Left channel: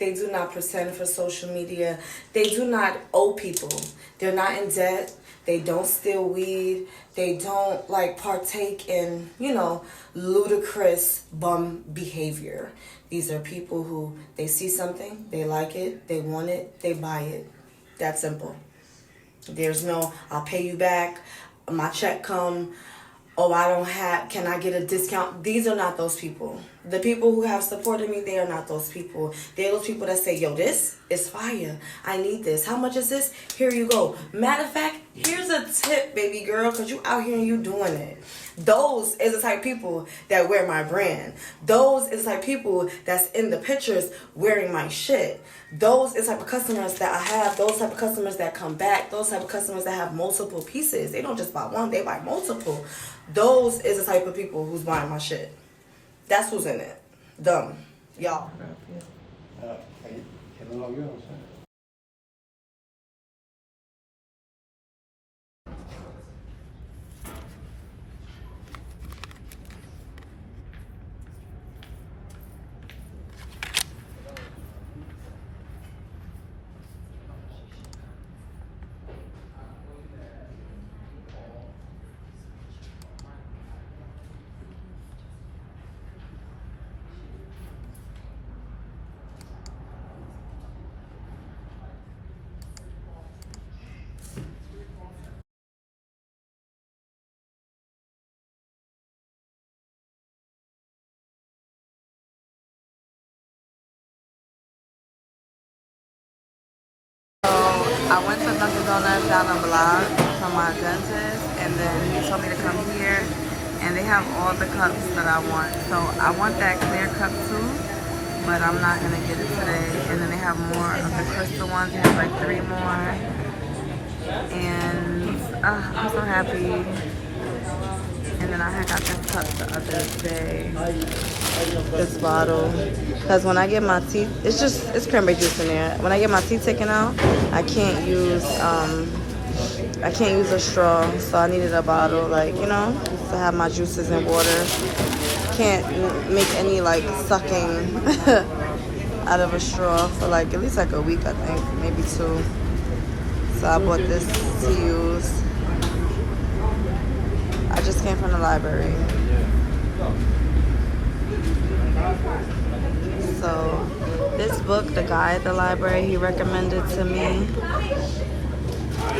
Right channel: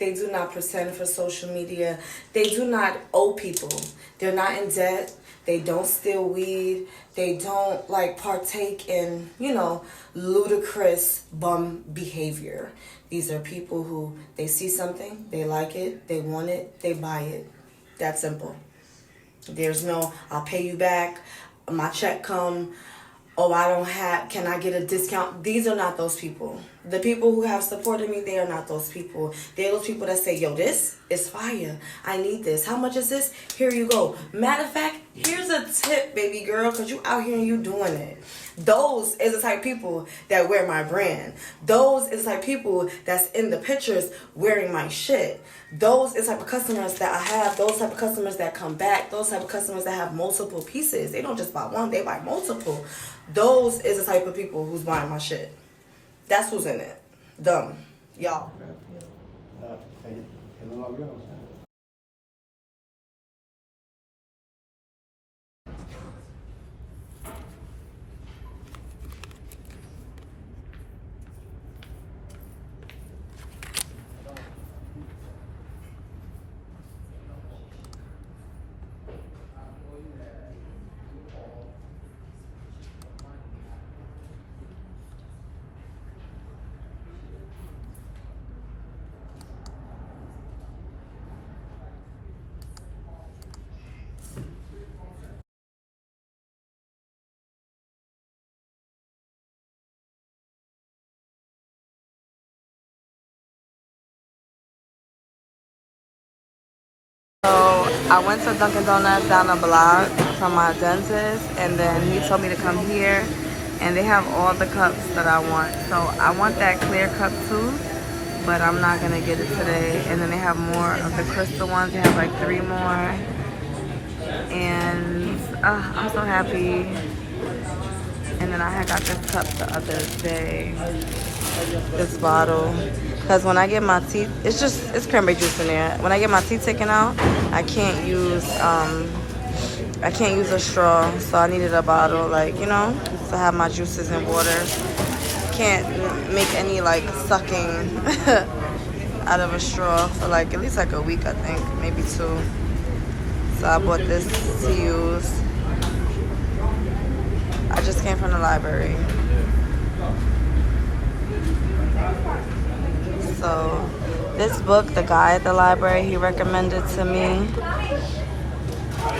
They do not pretend for social media. They do not owe people. They're not in debt. They don't steal weed. They don't like partake in, ludicrous bum behavior. These are people who they see something, they like it, they want it, they buy it. That simple. There's no, I'll pay you back, my check come, oh, I don't have, can I get a discount? These are not those people. The people who have supported me, they are not those people. They're those people that say, yo, this is fire. I need this. How much is this? Here you go. Matter of fact, here's a tip, baby girl, because you out here and you doing it. Those is the type of people that wear my brand. Those is the type of people that's in the pictures wearing my shit. Those is the type of customers that I have. Those type of customers that come back. Those type of customers that have multiple pieces. They don't just buy one, they buy multiple. Those is the type of people who's buying my shit. That's who's in it. Dumb. Y'all. So I went to Dunkin' Donuts down the block from my dentist, and then he told me to come here, and they have all the cups that I want. So I want that clear cup too, but I'm not gonna get it today. And then they have more of the crystal ones. They have like 3 more, and I'm so happy. And then I had got this cup the other day, this bottle, because when I get my teeth, it's cranberry juice in there. When I get my teeth taken out, I can't use a straw, so I needed a bottle, to have my juices and water. Can't make any sucking out of a straw for at least a week, I think, maybe 2. So I bought this to use. I just came from the library. So this book, the guy at the library, he recommended to me.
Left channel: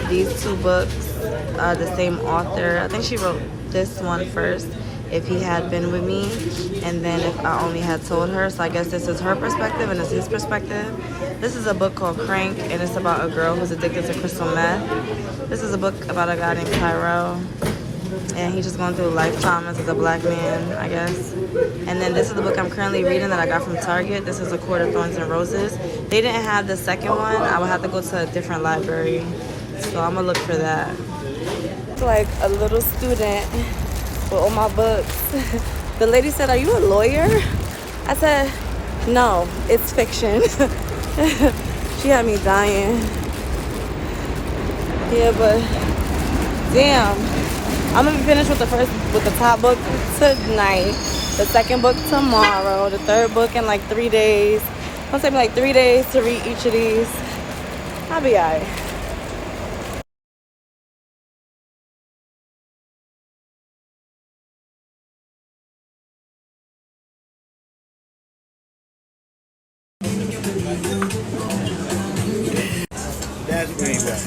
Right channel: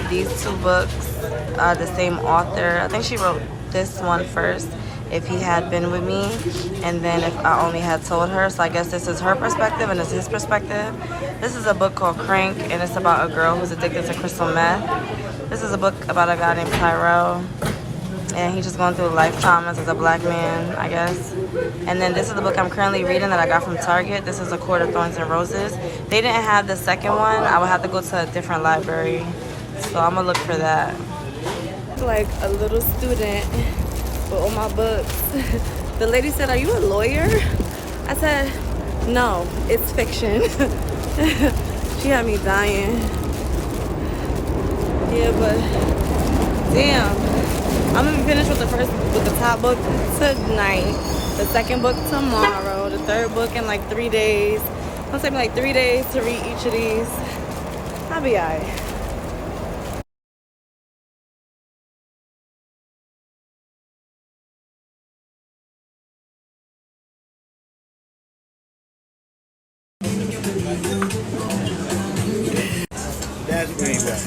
These 2 books are the same author. I think she wrote this one first, If He Had Been With Me, and then If I Only Had Told Her. So I guess this is her perspective and it's his perspective. This is a book called Crank, and it's about a girl who's addicted to crystal meth. This is a book about a guy named Tyrell, and he's just going through life traumas as a black man, I guess. And then this is the book I'm currently reading that I got from Target. This is A Court of Thorns and Roses. They didn't have the second one. I would have to go to a different library. So I'm gonna look for that. It's like a little student with all my books. The lady said, "Are you a lawyer?" I said, "No, it's fiction." She had me dying. Yeah, but damn. I'm gonna be finished with the top book tonight, the second book tomorrow, the third book in 3 days. It'll take me 3 days to read each of these. I'll be alright. That's green back.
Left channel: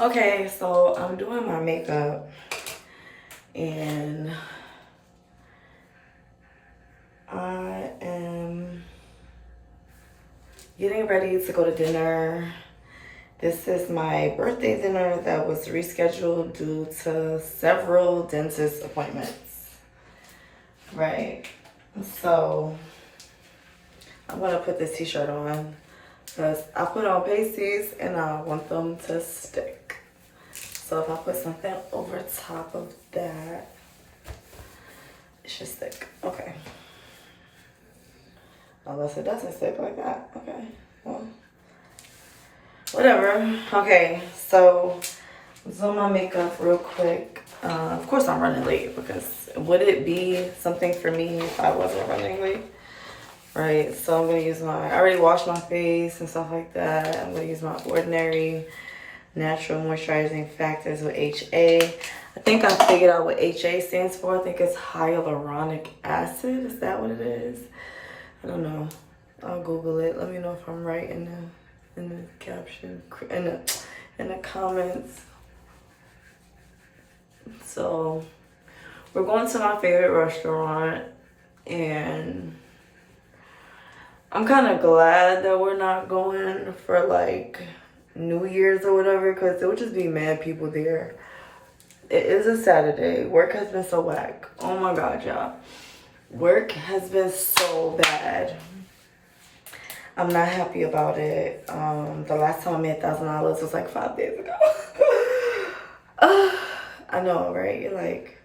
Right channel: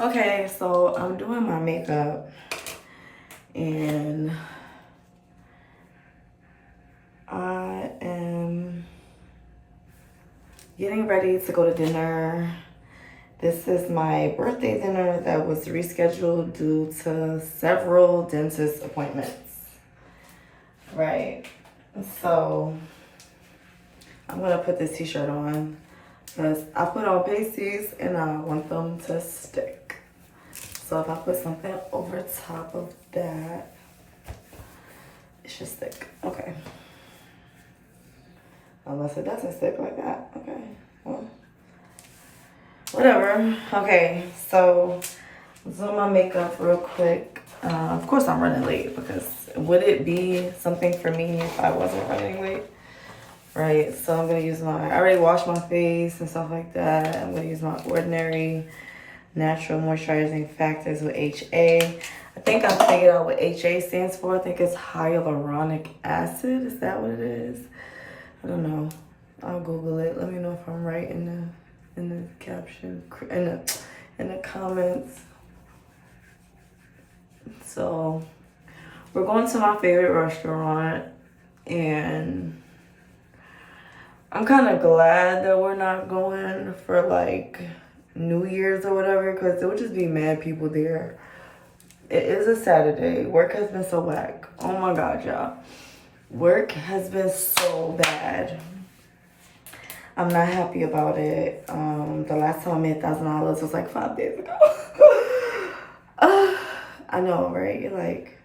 Okay, so I'm doing my makeup, and I am getting ready to go to dinner. This is my birthday dinner that was rescheduled due to several dentist appointments. Right. So I'm gonna put this t-shirt on because I put on pasties and I want them to stick. So So if I put something over top of that, it should stick. Okay. Unless it doesn't stick like that. Okay. Well, whatever. Okay. So let's do my makeup real quick. Of course I'm running late because would it be something for me if I wasn't running late? Right. So I'm gonna use I already washed my face and stuff like that. I'm gonna use my Ordinary Natural Moisturizing Factors with HA. I think I figured out what HA stands for. I think it's hyaluronic acid. Is that what it is? I don't know. I'll Google it. Let me know if I'm right in the caption, in the comments. So we're going to my favorite restaurant, and I'm kind of glad that we're not going for like New Year's or whatever, because there would just be mad people there. It is a Saturday. Work has been so whack. Oh my God, y'all. Work has been so bad. I'm not happy about it. The last time I made $1,000 was like 5 days ago. I know, right? You're like,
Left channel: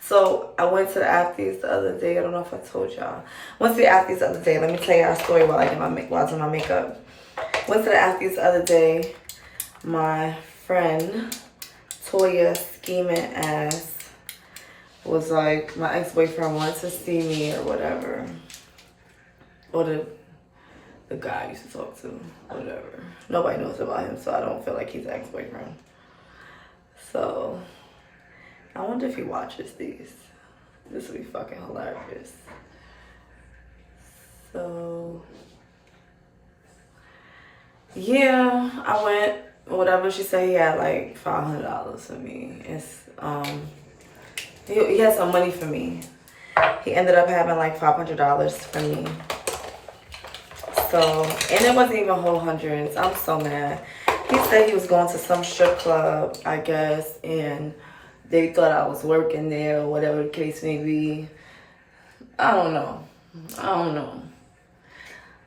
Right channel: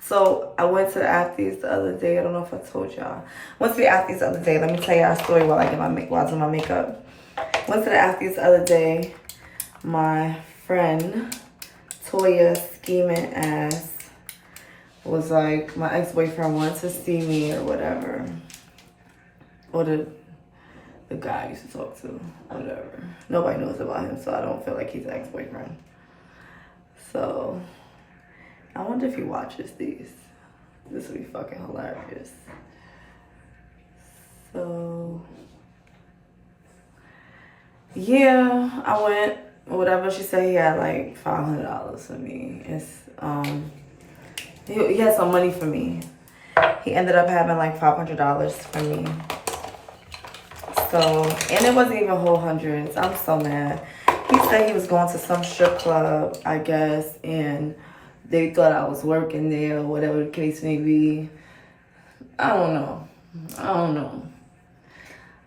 so I went to the athletes the other day. I don't know if I told y'all. Went to the athletes the other day. Let me tell y'all a story while I was doing my makeup. Went to the athletes the other day. My friend Toya scheming ass was like, my ex-boyfriend wanted to see me or whatever. Or the guy I used to talk to, whatever. Nobody knows about him, so I don't feel like he's an ex-boyfriend. So I wonder if he watches these. This would be fucking hilarious. So yeah, I went, whatever. She said he had like $500 for me. It's he had some money for me. He ended up having like $500 for me. So, and it wasn't even whole hundreds. I'm so mad. He said he was going to some strip club, I guess, and they thought I was working there or whatever the case may be. I don't know.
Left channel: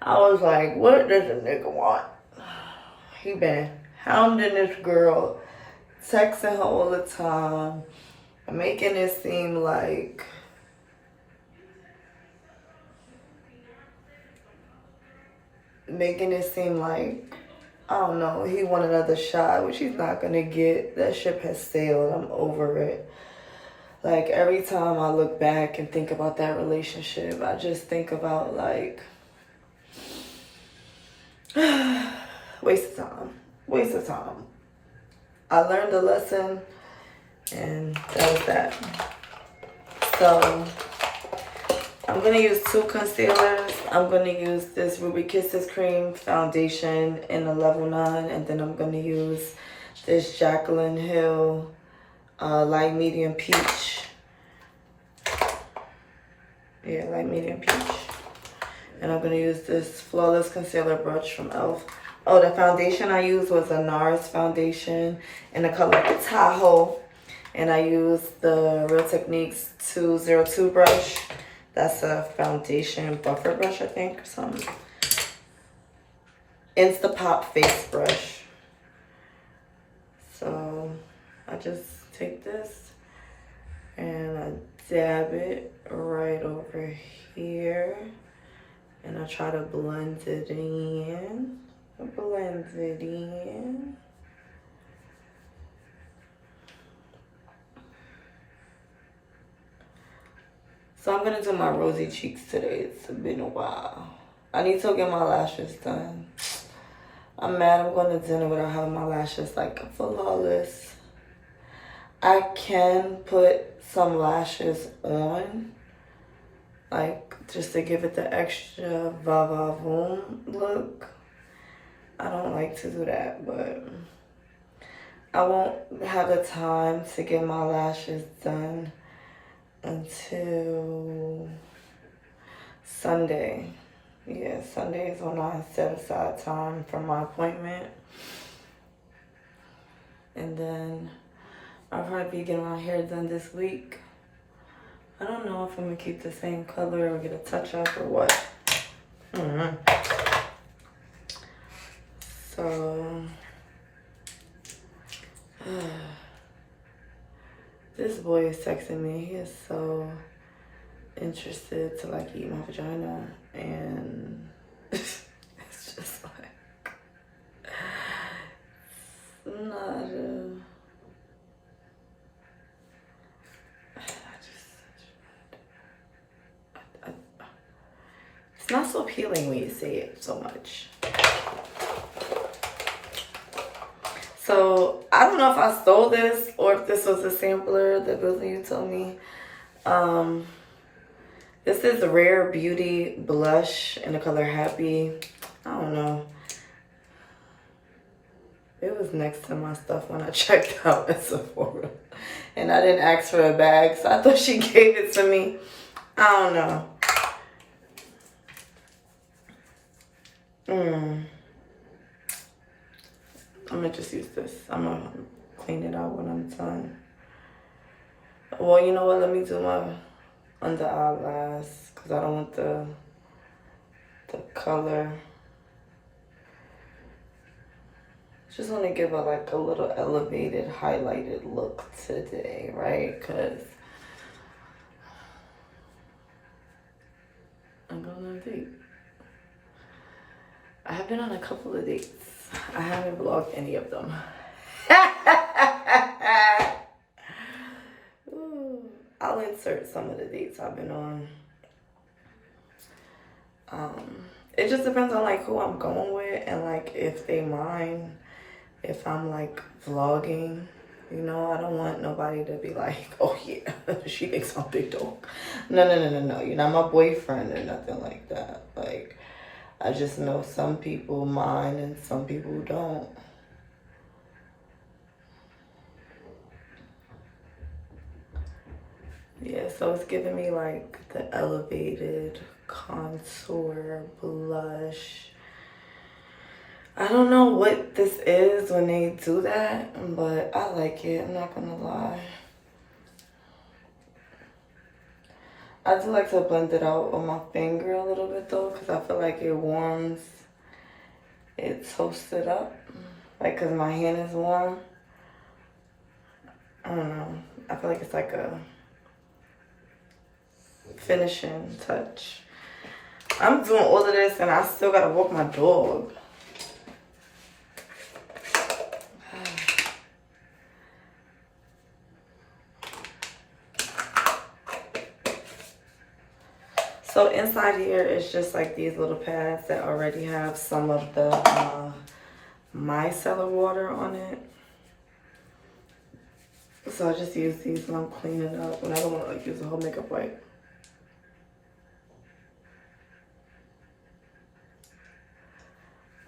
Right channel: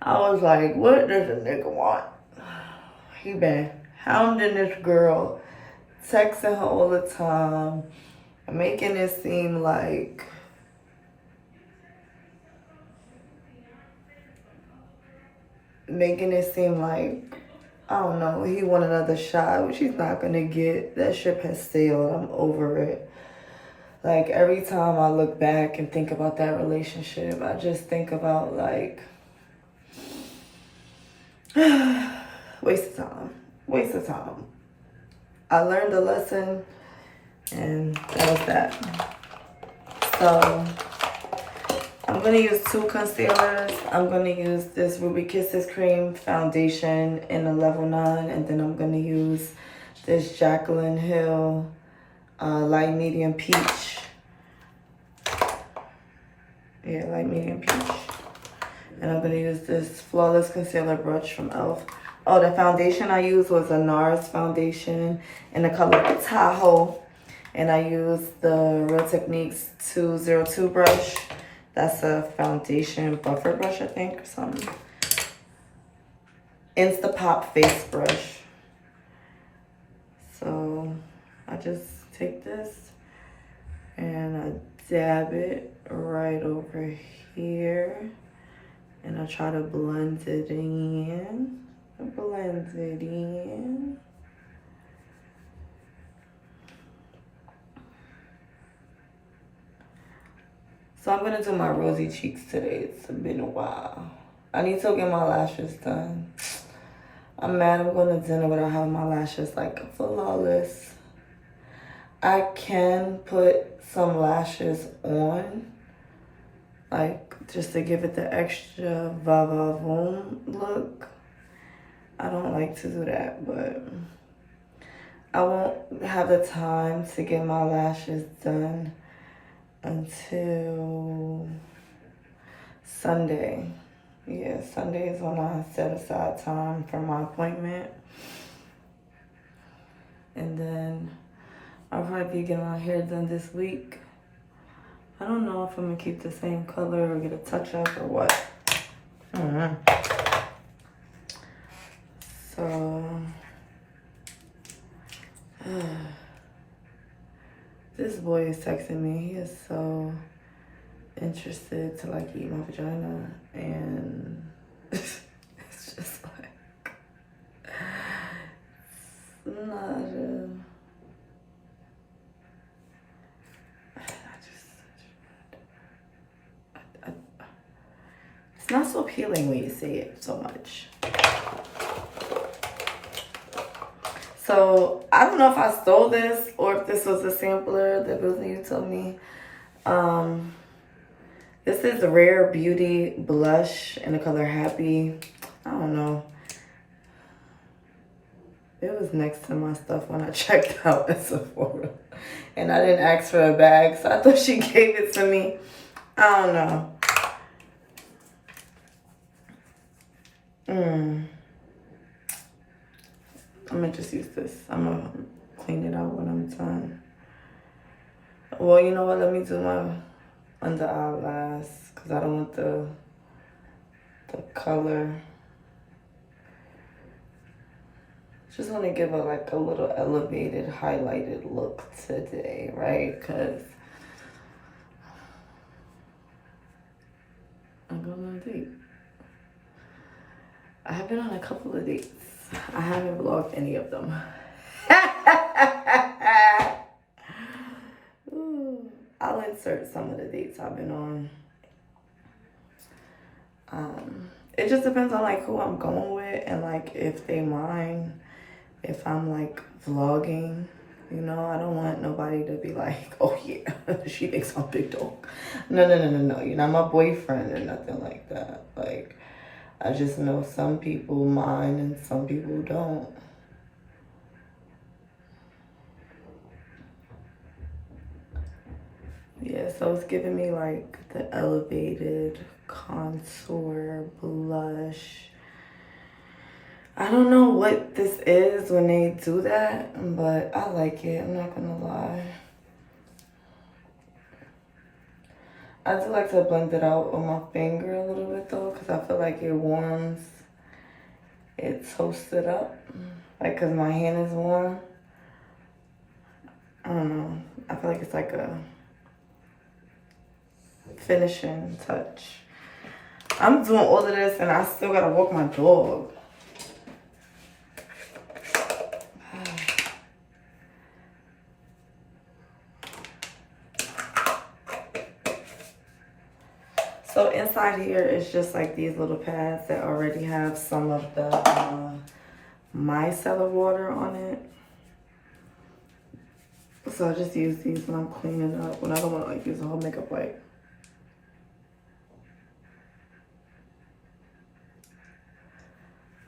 I was like, what does a nigga want? He been hounding this girl, texting her all the time, making it seem like I don't know, he want another shot, which he's not gonna get. That ship has sailed. I'm over it. Like, every time I look back and think about that relationship, I just think about, like, waste of time. I learned a lesson, and that was that. So I'm gonna use 2 concealers. I'm gonna use this Ruby Kisses Cream foundation in a level 9, and then I'm gonna use this Jaclyn Hill light medium peach. Yeah, light medium peach. And I'm gonna use this Flawless Concealer brush from e.l.f. Oh, the foundation I used was a NARS foundation in the color Tahoe. And I used the Real Techniques 202 brush. That's a foundation buffer brush, I think, or something. Instapop face brush. So I just take this and I dab it right over here. And I try to blend it in. So I'm gonna do my rosy cheeks today. It's been a while. I need to get my lashes done. I'm mad I'm going to dinner without having my lashes like flawless. I can put some lashes on, like just to give it the extra va-va-voom look. I don't like to do that, but I won't have the time to get my lashes done until Sunday. Yeah, Sunday is when I set aside time for my appointment. And then I'll probably be getting my hair done this week. I don't know if I'm gonna keep the same color or get a touch up or what. So This boy is texting me. He is so interested to like eat my vagina, and it's just like not a. It's not so appealing when you say it so much. So I don't know if I stole this or if this was a sampler that Billy you told me. This is a Rare Beauty blush in the color Happy. I don't know. It was next to my stuff when I checked out at Sephora. And I didn't ask for a bag, so I thought she gave it to me. I don't know. I'm gonna just use this. I'm gonna clean it out when I'm done. Well, you know what? Let me do my under eye last because I don't want the color. Just want to give it like a little elevated, highlighted look today, right? Because I'm going on a date. I have been on a couple of dates. I haven't vlogged any of them. Ooh, I'll insert some of the dates I've been on. It just depends on like who I'm going with and like if they mind if I'm like vlogging. You know, I don't want nobody to be like, oh yeah, she thinks I'm big dog. No. You're not my boyfriend or nothing like that. Like, I just know some people mind and some people don't. Yeah, so it's giving me like the elevated contour blush. I don't know what this is when they do that, but I like it, I'm not gonna lie. I do like to blend it out with my finger a little bit though, because I feel like it warms, it toasts it up. Like, because my hand is warm. I don't know. I feel like it's like a finishing touch. I'm doing all of this and I still gotta walk my dog. So inside here is just like these little pads that already have some of the micellar water on it. So I just use these when I'm cleaning up, when I don't want to like use a whole makeup wipe.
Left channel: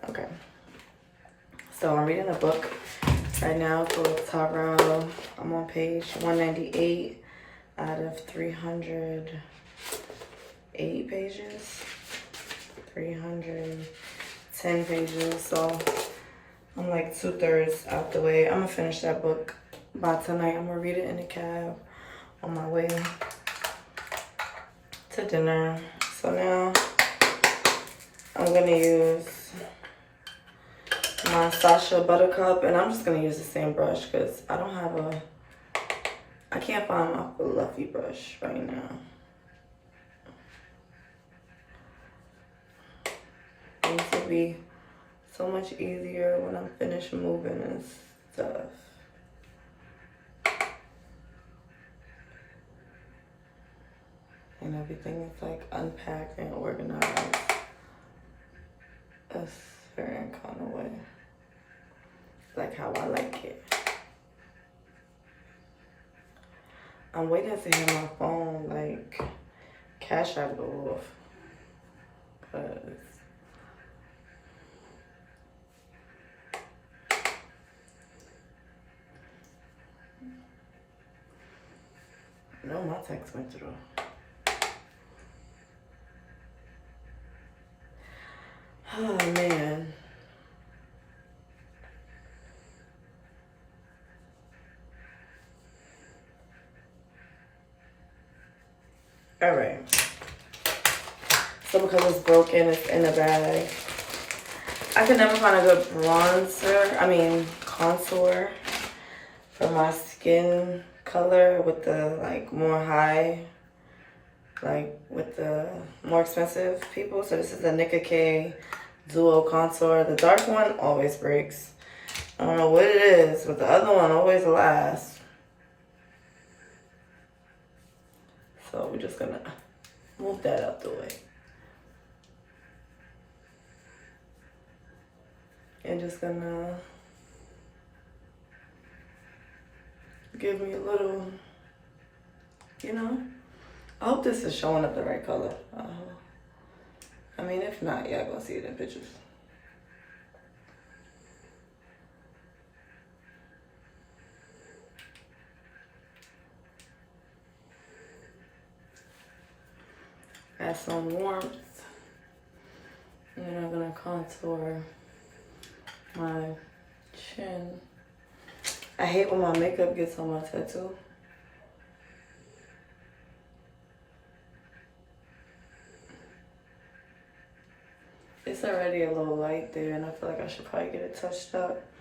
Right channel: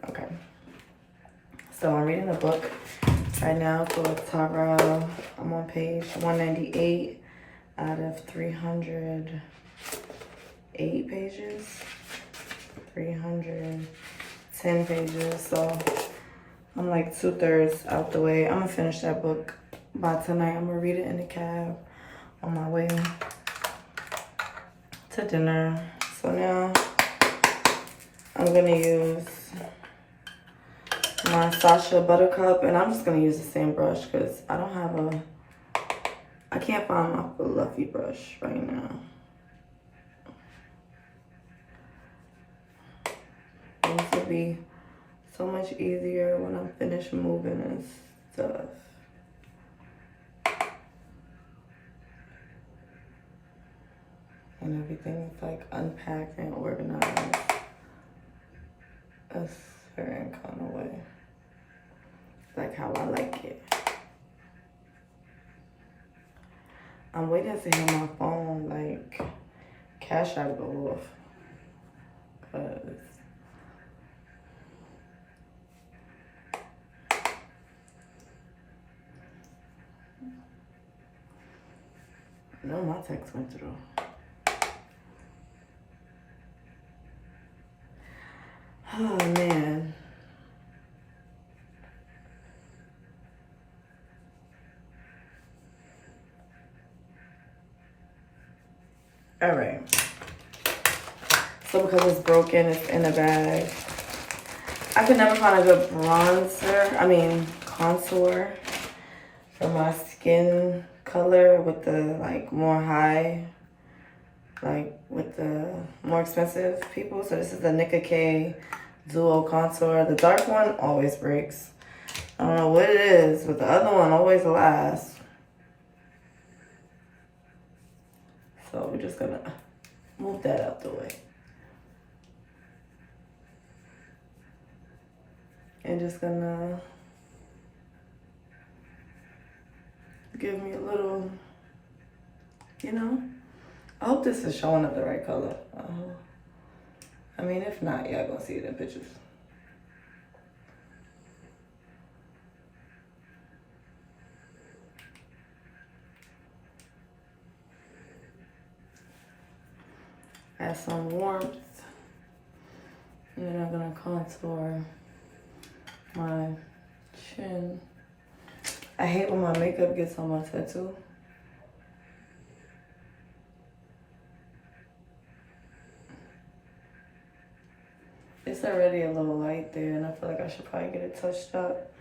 Okay. So I'm reading a book right now called Tarot. I'm on page 198 out of 308 pages. 310 pages. So I'm like 2/3 out the way. I'm gonna finish that book by tonight. I'm gonna read it in the cab on my way to dinner. So now I'm gonna use my Sasha Buttercup, and I'm just gonna use the same brush because I don't have I can't find my fluffy brush right now. It used to be so much easier when I'm finished moving and stuff. And everything is like unpacked and organized a certain kind of way. Like how I like it. I'm waiting to hear my phone like Cash App go off. Cause no, my text went through. Oh man. All right. So because it's broken, it's in the bag. I could never find a good contour for my skin color with the like more high, like with the more expensive people. So this is the Nika K Duo Contour. The dark one always breaks. I don't know what it is, but the other one always lasts. So we're just gonna move that out the way. And just gonna give me a little, you know. I hope this is showing up the right color. I mean, if not, y'all gonna see it in pictures. Add some warmth. And then I'm gonna contour my chin. I hate when my makeup gets on my tattoo. It's already a little light there, and I feel like I should probably get it touched up.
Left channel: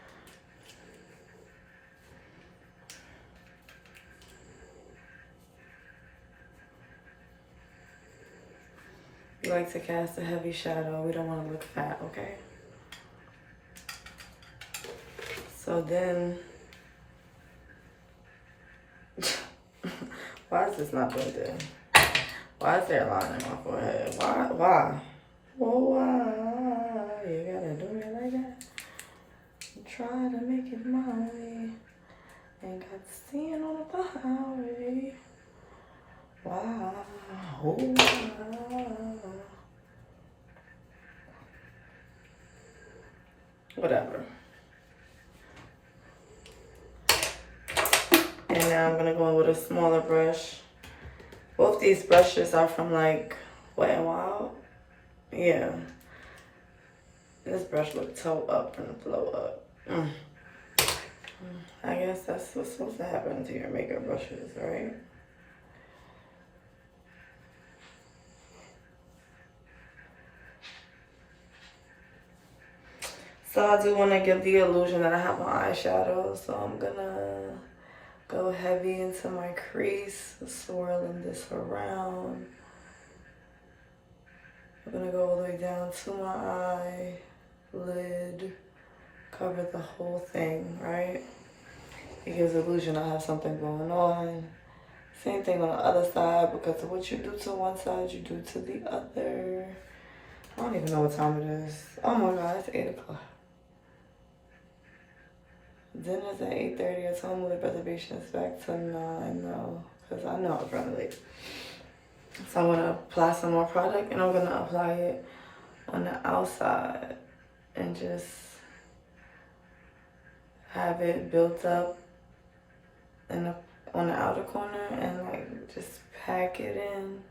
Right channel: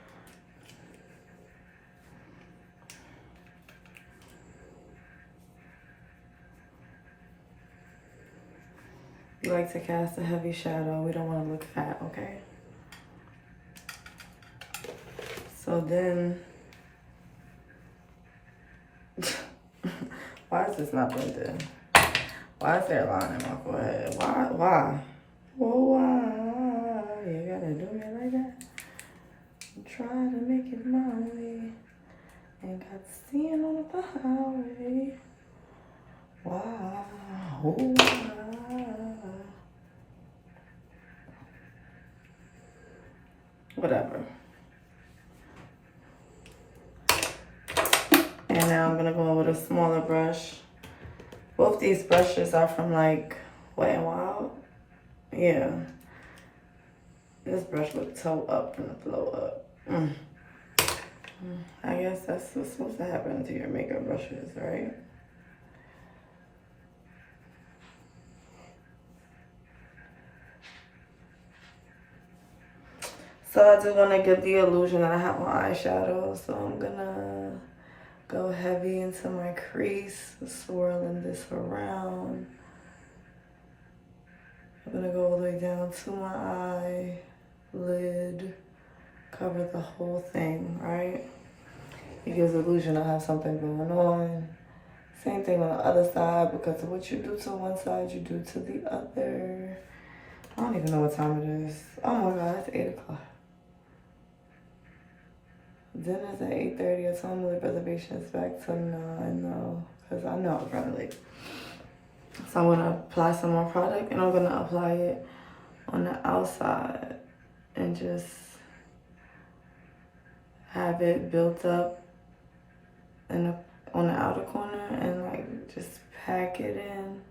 We like to cast a heavy shadow. We don't want to look fat, okay? So then, why is this not blended? Why is there a line in my forehead? Why? Well, why? You gotta do me like that? Try to make it my way. Ain't got seeing on the highway. Why? Oh, why? Whatever. And now I'm gonna go in with a smaller brush. Both these brushes are from like Wet n Wild. Yeah. This brush looked toe up and blow up. I guess that's what's supposed to happen to your makeup brushes, right? So I do want to give the illusion that I have my eyeshadow, so I'm gonna go heavy into my crease, swirling this around. I'm gonna go all the way down to my eyelid, cover the whole thing, right? It gives the illusion I have something going on. Same thing on the other side, because of what you do to one side, you do to the other. I don't even know what time it is. Oh my God, it's 8 o'clock. Dinner's at 8:30. I told him the reservation is back to 9 though, because I know I was running late. So I'm gonna apply some more product, and I'm gonna apply it on the outside and just have it built up on the outer corner, and like just pack it in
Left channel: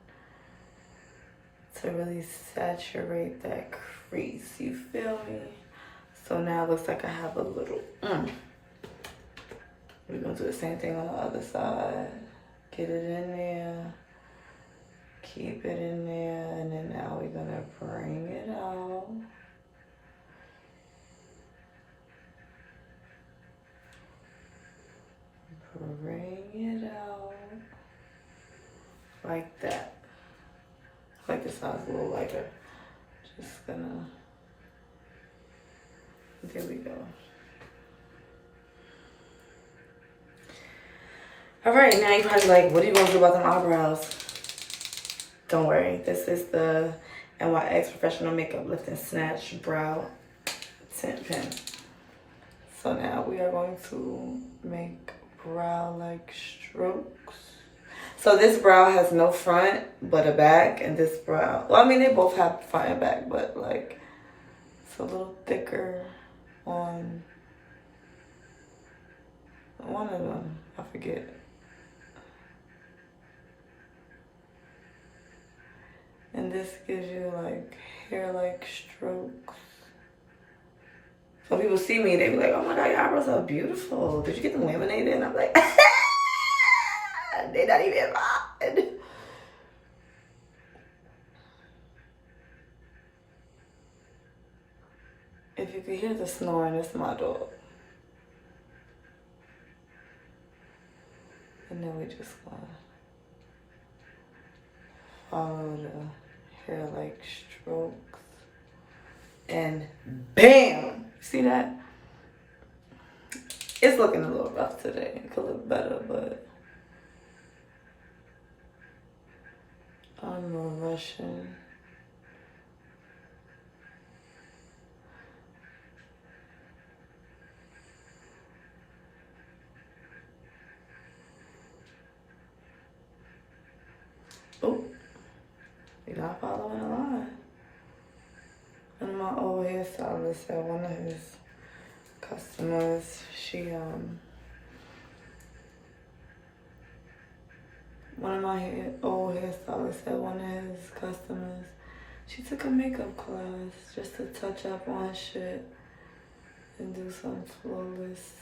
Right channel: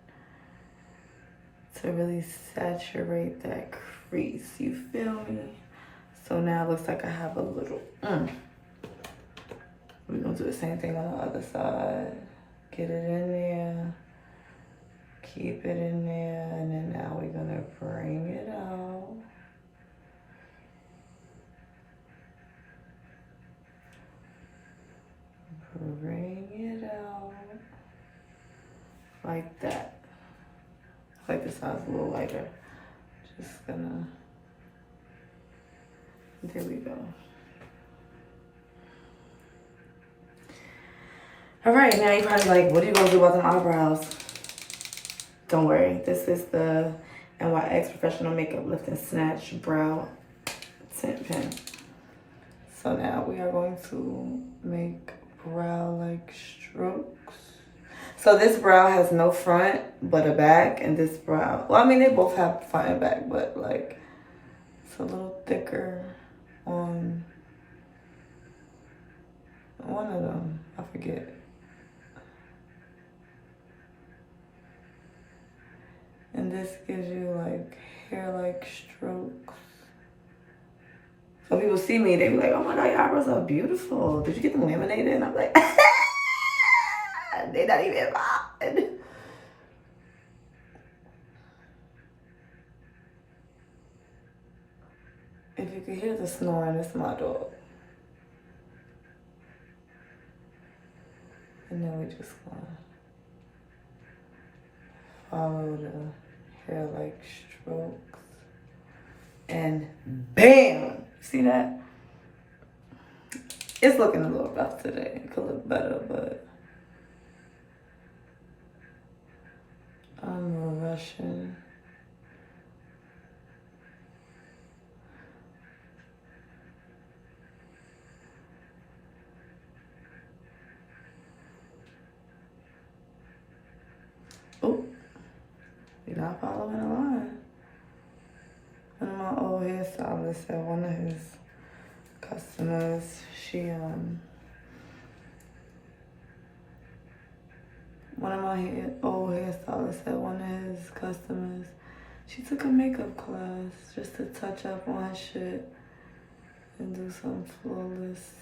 to really saturate that crease. You feel me? So now it looks like I have a little. We're gonna do the same thing on the other side. Get it in there. Keep it in there, and then now we're gonna bring it out. Bring it out. Like that. I like this sounds a little lighter. Just gonna, there we go. All right, now you're probably like, what are you gonna do about them eyebrows? Don't worry, this is the NYX Professional Makeup Lift and Snatch Brow Tint Pen. So now we are going to make brow-like strokes. So this brow has no front, but a back, and this brow, well, I mean, they both have front and back, but like, it's a little thicker on one of them, I forget. And this gives you like hair-like strokes. So people see me, they be like, oh my God, your eyebrows are beautiful. Did you get them laminated? And I'm like, they're not even mine. If you could hear the snoring, it's my dog. And then we just gonna follow the hair like strokes. And bam! See that? It's looking a little rough today. It could look better, but I'm a Russian. Oh, you're not following the line. One of my old hairstylists said one of his customers, one of my old hairstylists said one of his customers, she took a makeup class just to touch up on shit and do some flawless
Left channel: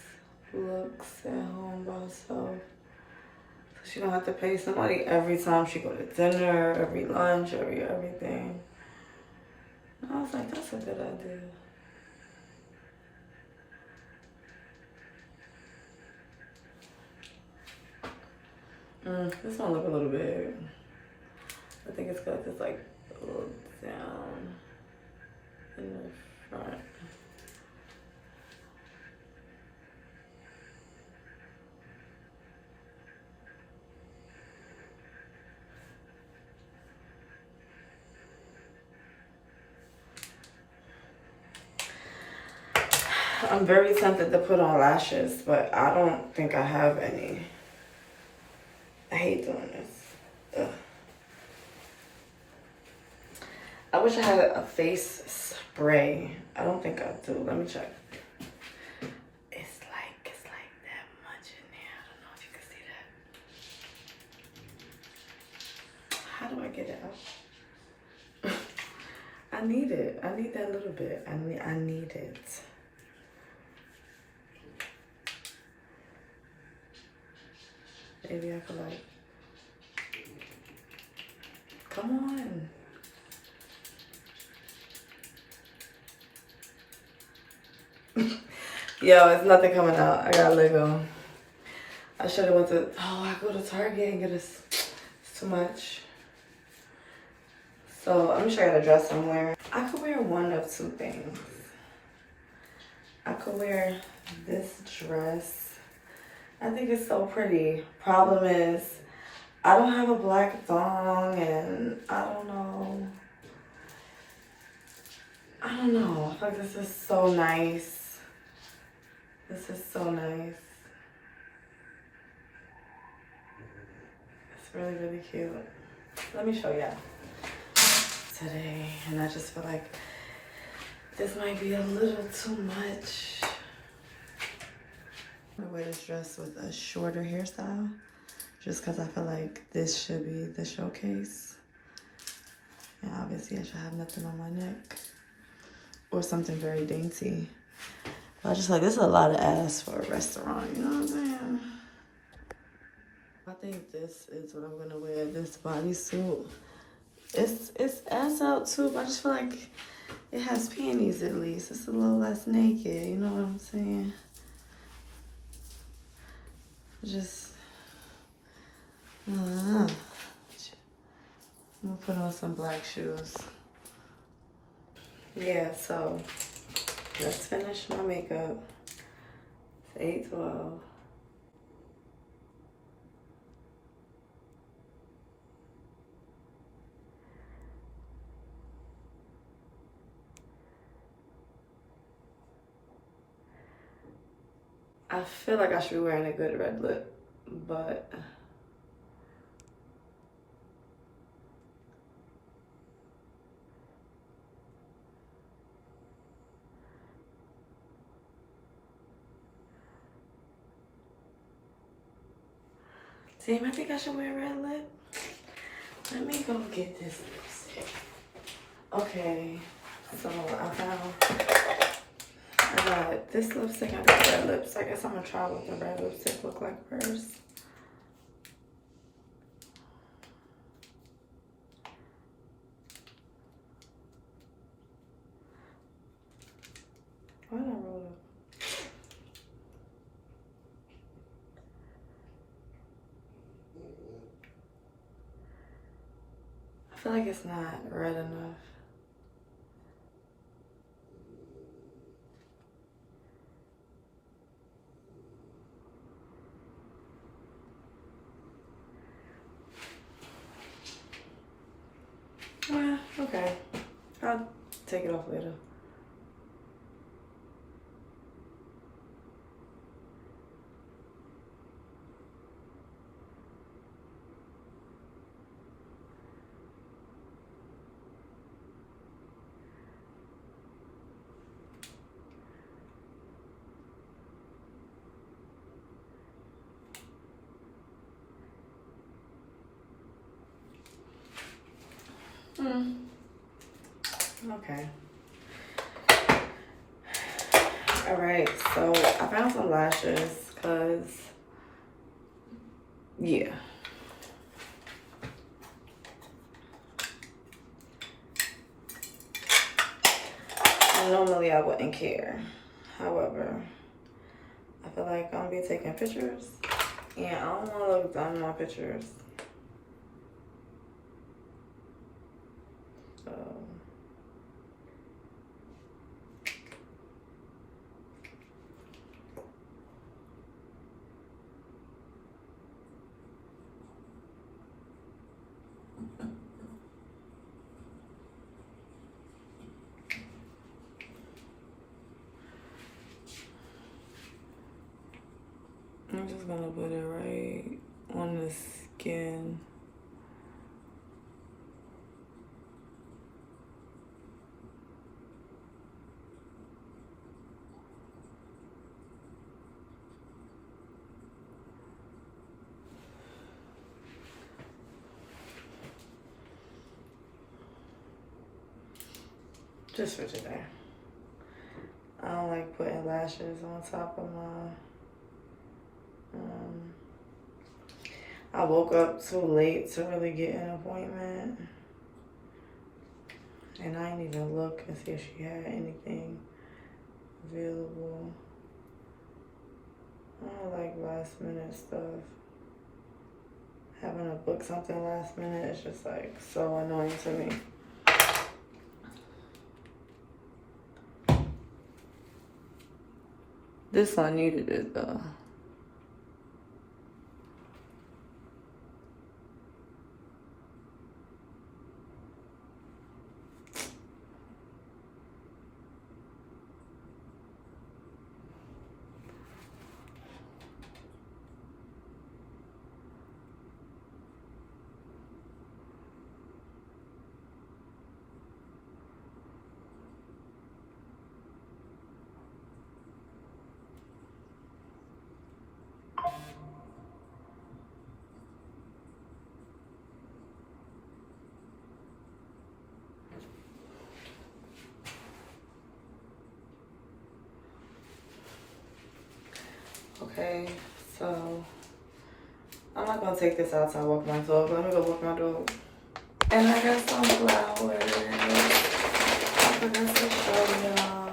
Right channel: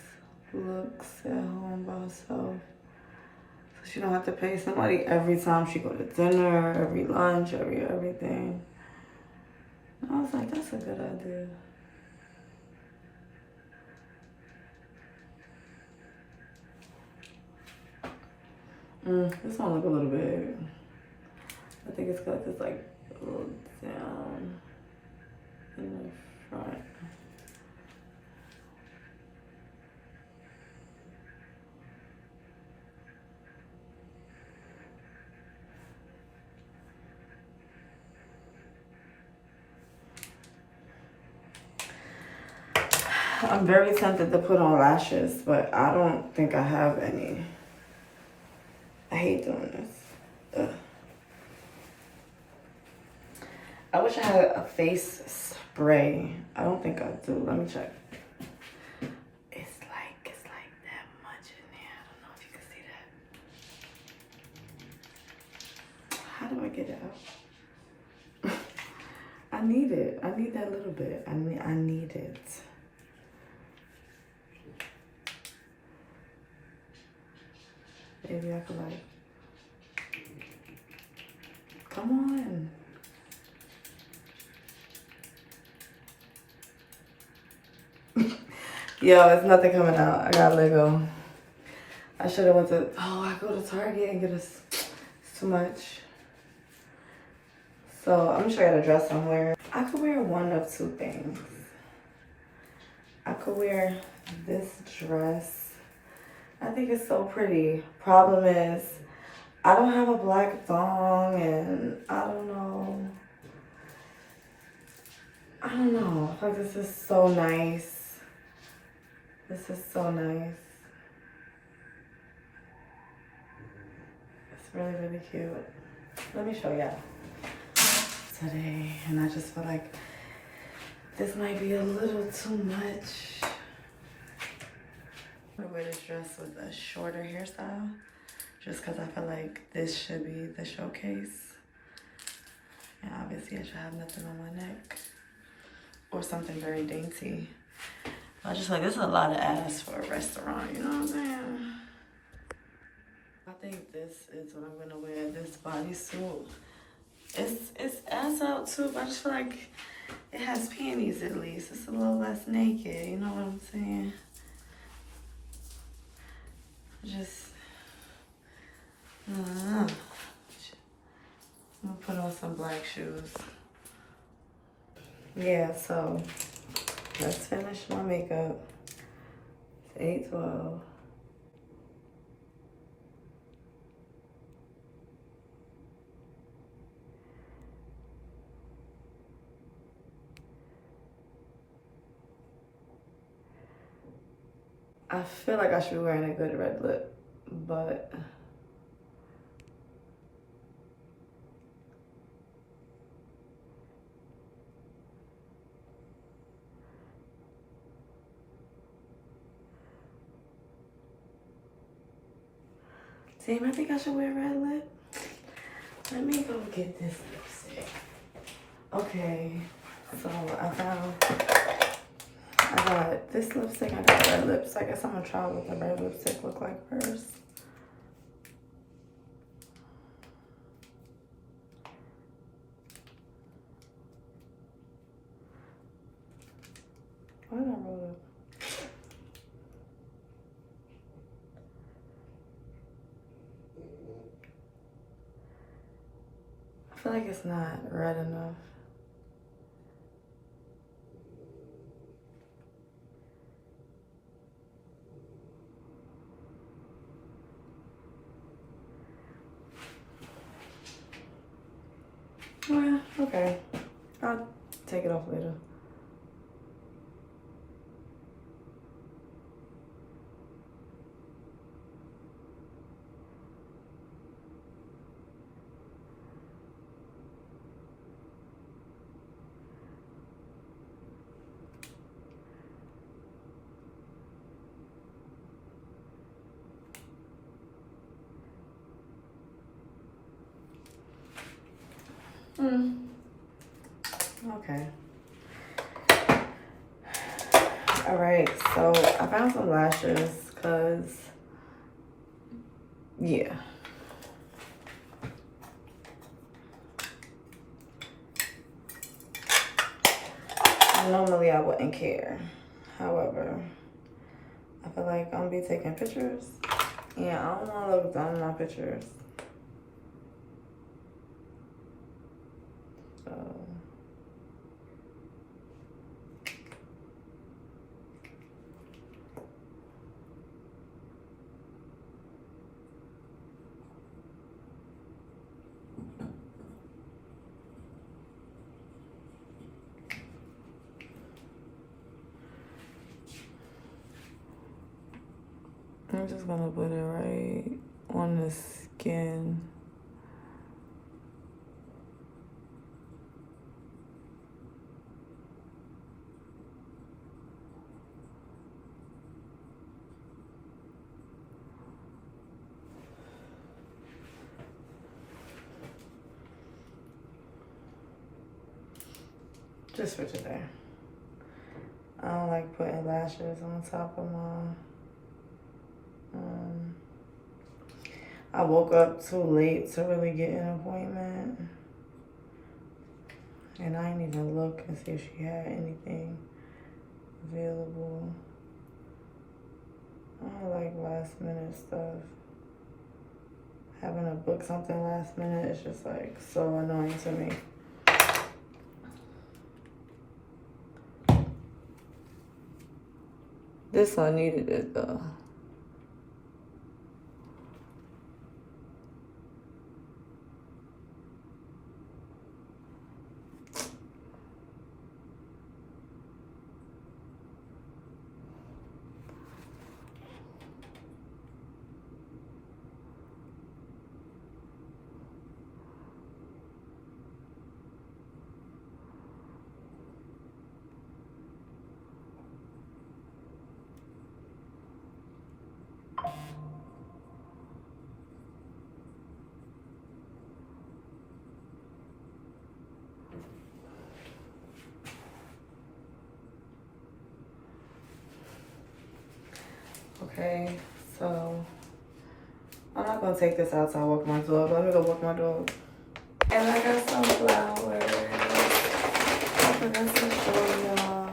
looks at home by herself. So she don't have to pay somebody every time she go to dinner, every lunch, everything. And I was like, that's a good idea. This one look a little big. I think it's because it's like a little down in the front. I'm very tempted to put on lashes, but I don't think I have any. I hate doing this. Ugh. I wish I had a face spray. I don't think I do. Let me check. It's like that much in there. I don't know if you can see that. How do I get it out? I need it. I need that little bit. I need it. Maybe I could like, come on. Yo, it's nothing coming out. I gotta let go. I should have went to, I go to Target and get it's too much. So I'm sure I got a dress somewhere. I could wear one of two things. I could wear this dress. I think it's so pretty. Problem is, I don't have a black thong and I don't know. I feel like this is so nice. This is so nice. It's really, really cute. Let me show y'all today. And I just feel like this might be a little too much. I wear this dress with a shorter hairstyle just because I feel like this should be the showcase. And obviously I should have nothing on my neck or something very dainty. But I just feel like this is a lot of ass for a restaurant, you know what I'm saying? I think this is what I'm gonna wear, this bodysuit. It's ass out too, but I just feel like it has panties at least. It's a little less naked, you know what I'm saying? I'm gonna put on some black shoes. Yeah, so let's finish my makeup. It's 8:12. I feel like I should be wearing a good red lip, but damn, I think I should wear a red lip. Let me go get this lipstick. Okay, so I got this lipstick, I got red lips. I guess I'm gonna try what the red lipstick look like first. Why did I roll it? feel like it's not red enough. Well, okay. I'll take it off later. Okay. All right, so I found some lashes because, yeah. Normally I wouldn't care. However, I feel like I'm gonna be taking pictures. Yeah, I don't wanna look dumb in my pictures. So I'm just gonna put it right on the skin. Just for today. I don't like putting lashes on top of my, I woke up too late to really get an appointment. And I didn't even look and see if she had anything available. I don't like last minute stuff. Having to book something last minute is just like so annoying to me. This one needed it though. Okay, so I'm not gonna take this out till I walk my dog. Let me go walk my dog. And I got some flowers. I forgot to show y'all.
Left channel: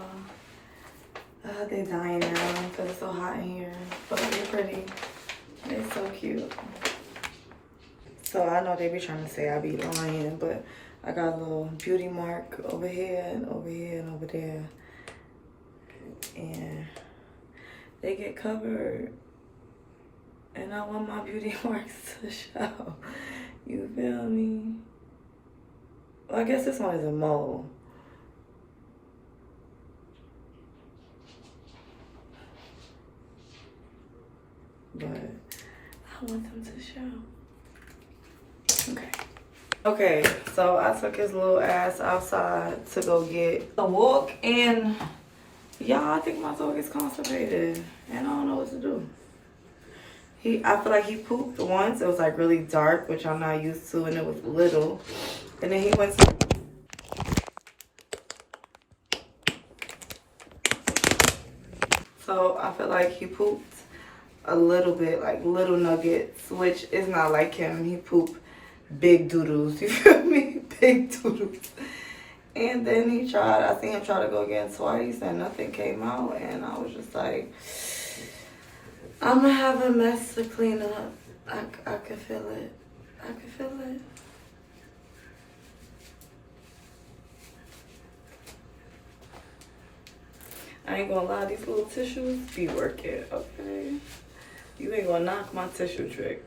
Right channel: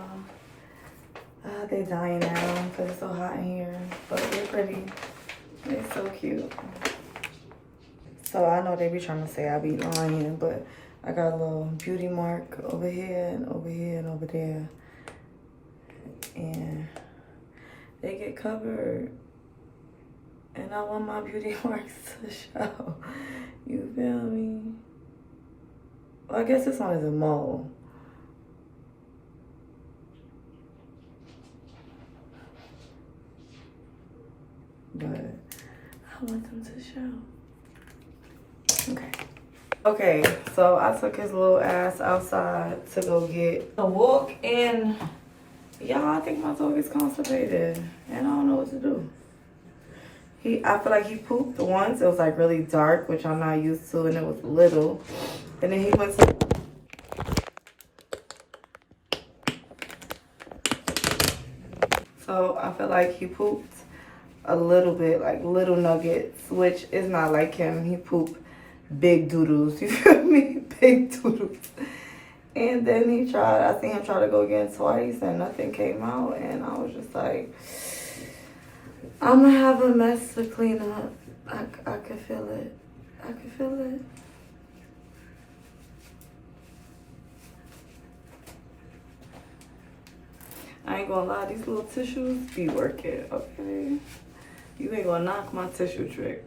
They dying now because it's so hot in here. But they're pretty. They're so cute. So I know they be trying to say I be lying, but I got a little beauty mark over here and over here and over there. And they get covered. And I want my beauty marks to show. You feel me? Well, I guess this one is a mole. But I want them to show. Okay. Okay, so I took his little ass outside to go get a walk, and y'all, I think my dog is constipated and I don't know what to do. I feel like he pooped once. It was like really dark, which I'm not used to, and it was little. And then he went to... So I feel like he pooped a little bit, like little nuggets, which is not like him. He pooped big doodles, you feel me? Big doodles. And then I seen him try to go again twice and nothing came out. And I was just like, I'm gonna have a mess to clean up. I could feel it. I could feel it. I ain't gonna lie, these little tissues be working, okay? You ain't gonna knock my tissue trick.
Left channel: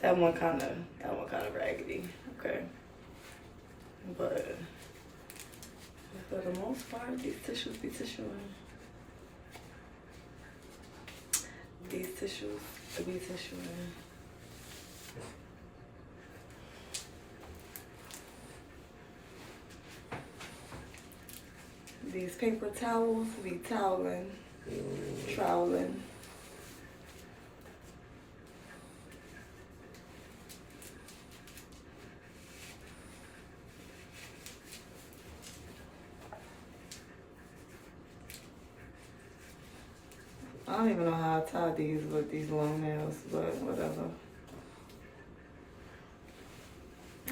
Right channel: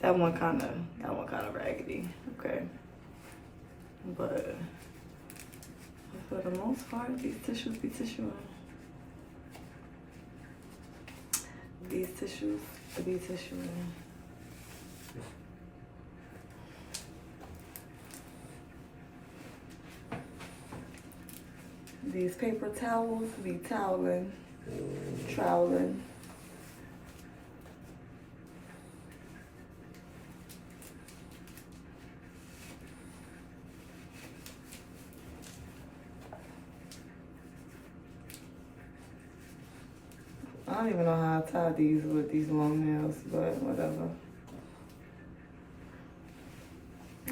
That one kinda raggedy, okay? But for the most part, these tissues be tissuing. These tissues be tissuing. These paper towels be toweling, troweling. I don't even know how I tie these with these long nails, but whatever.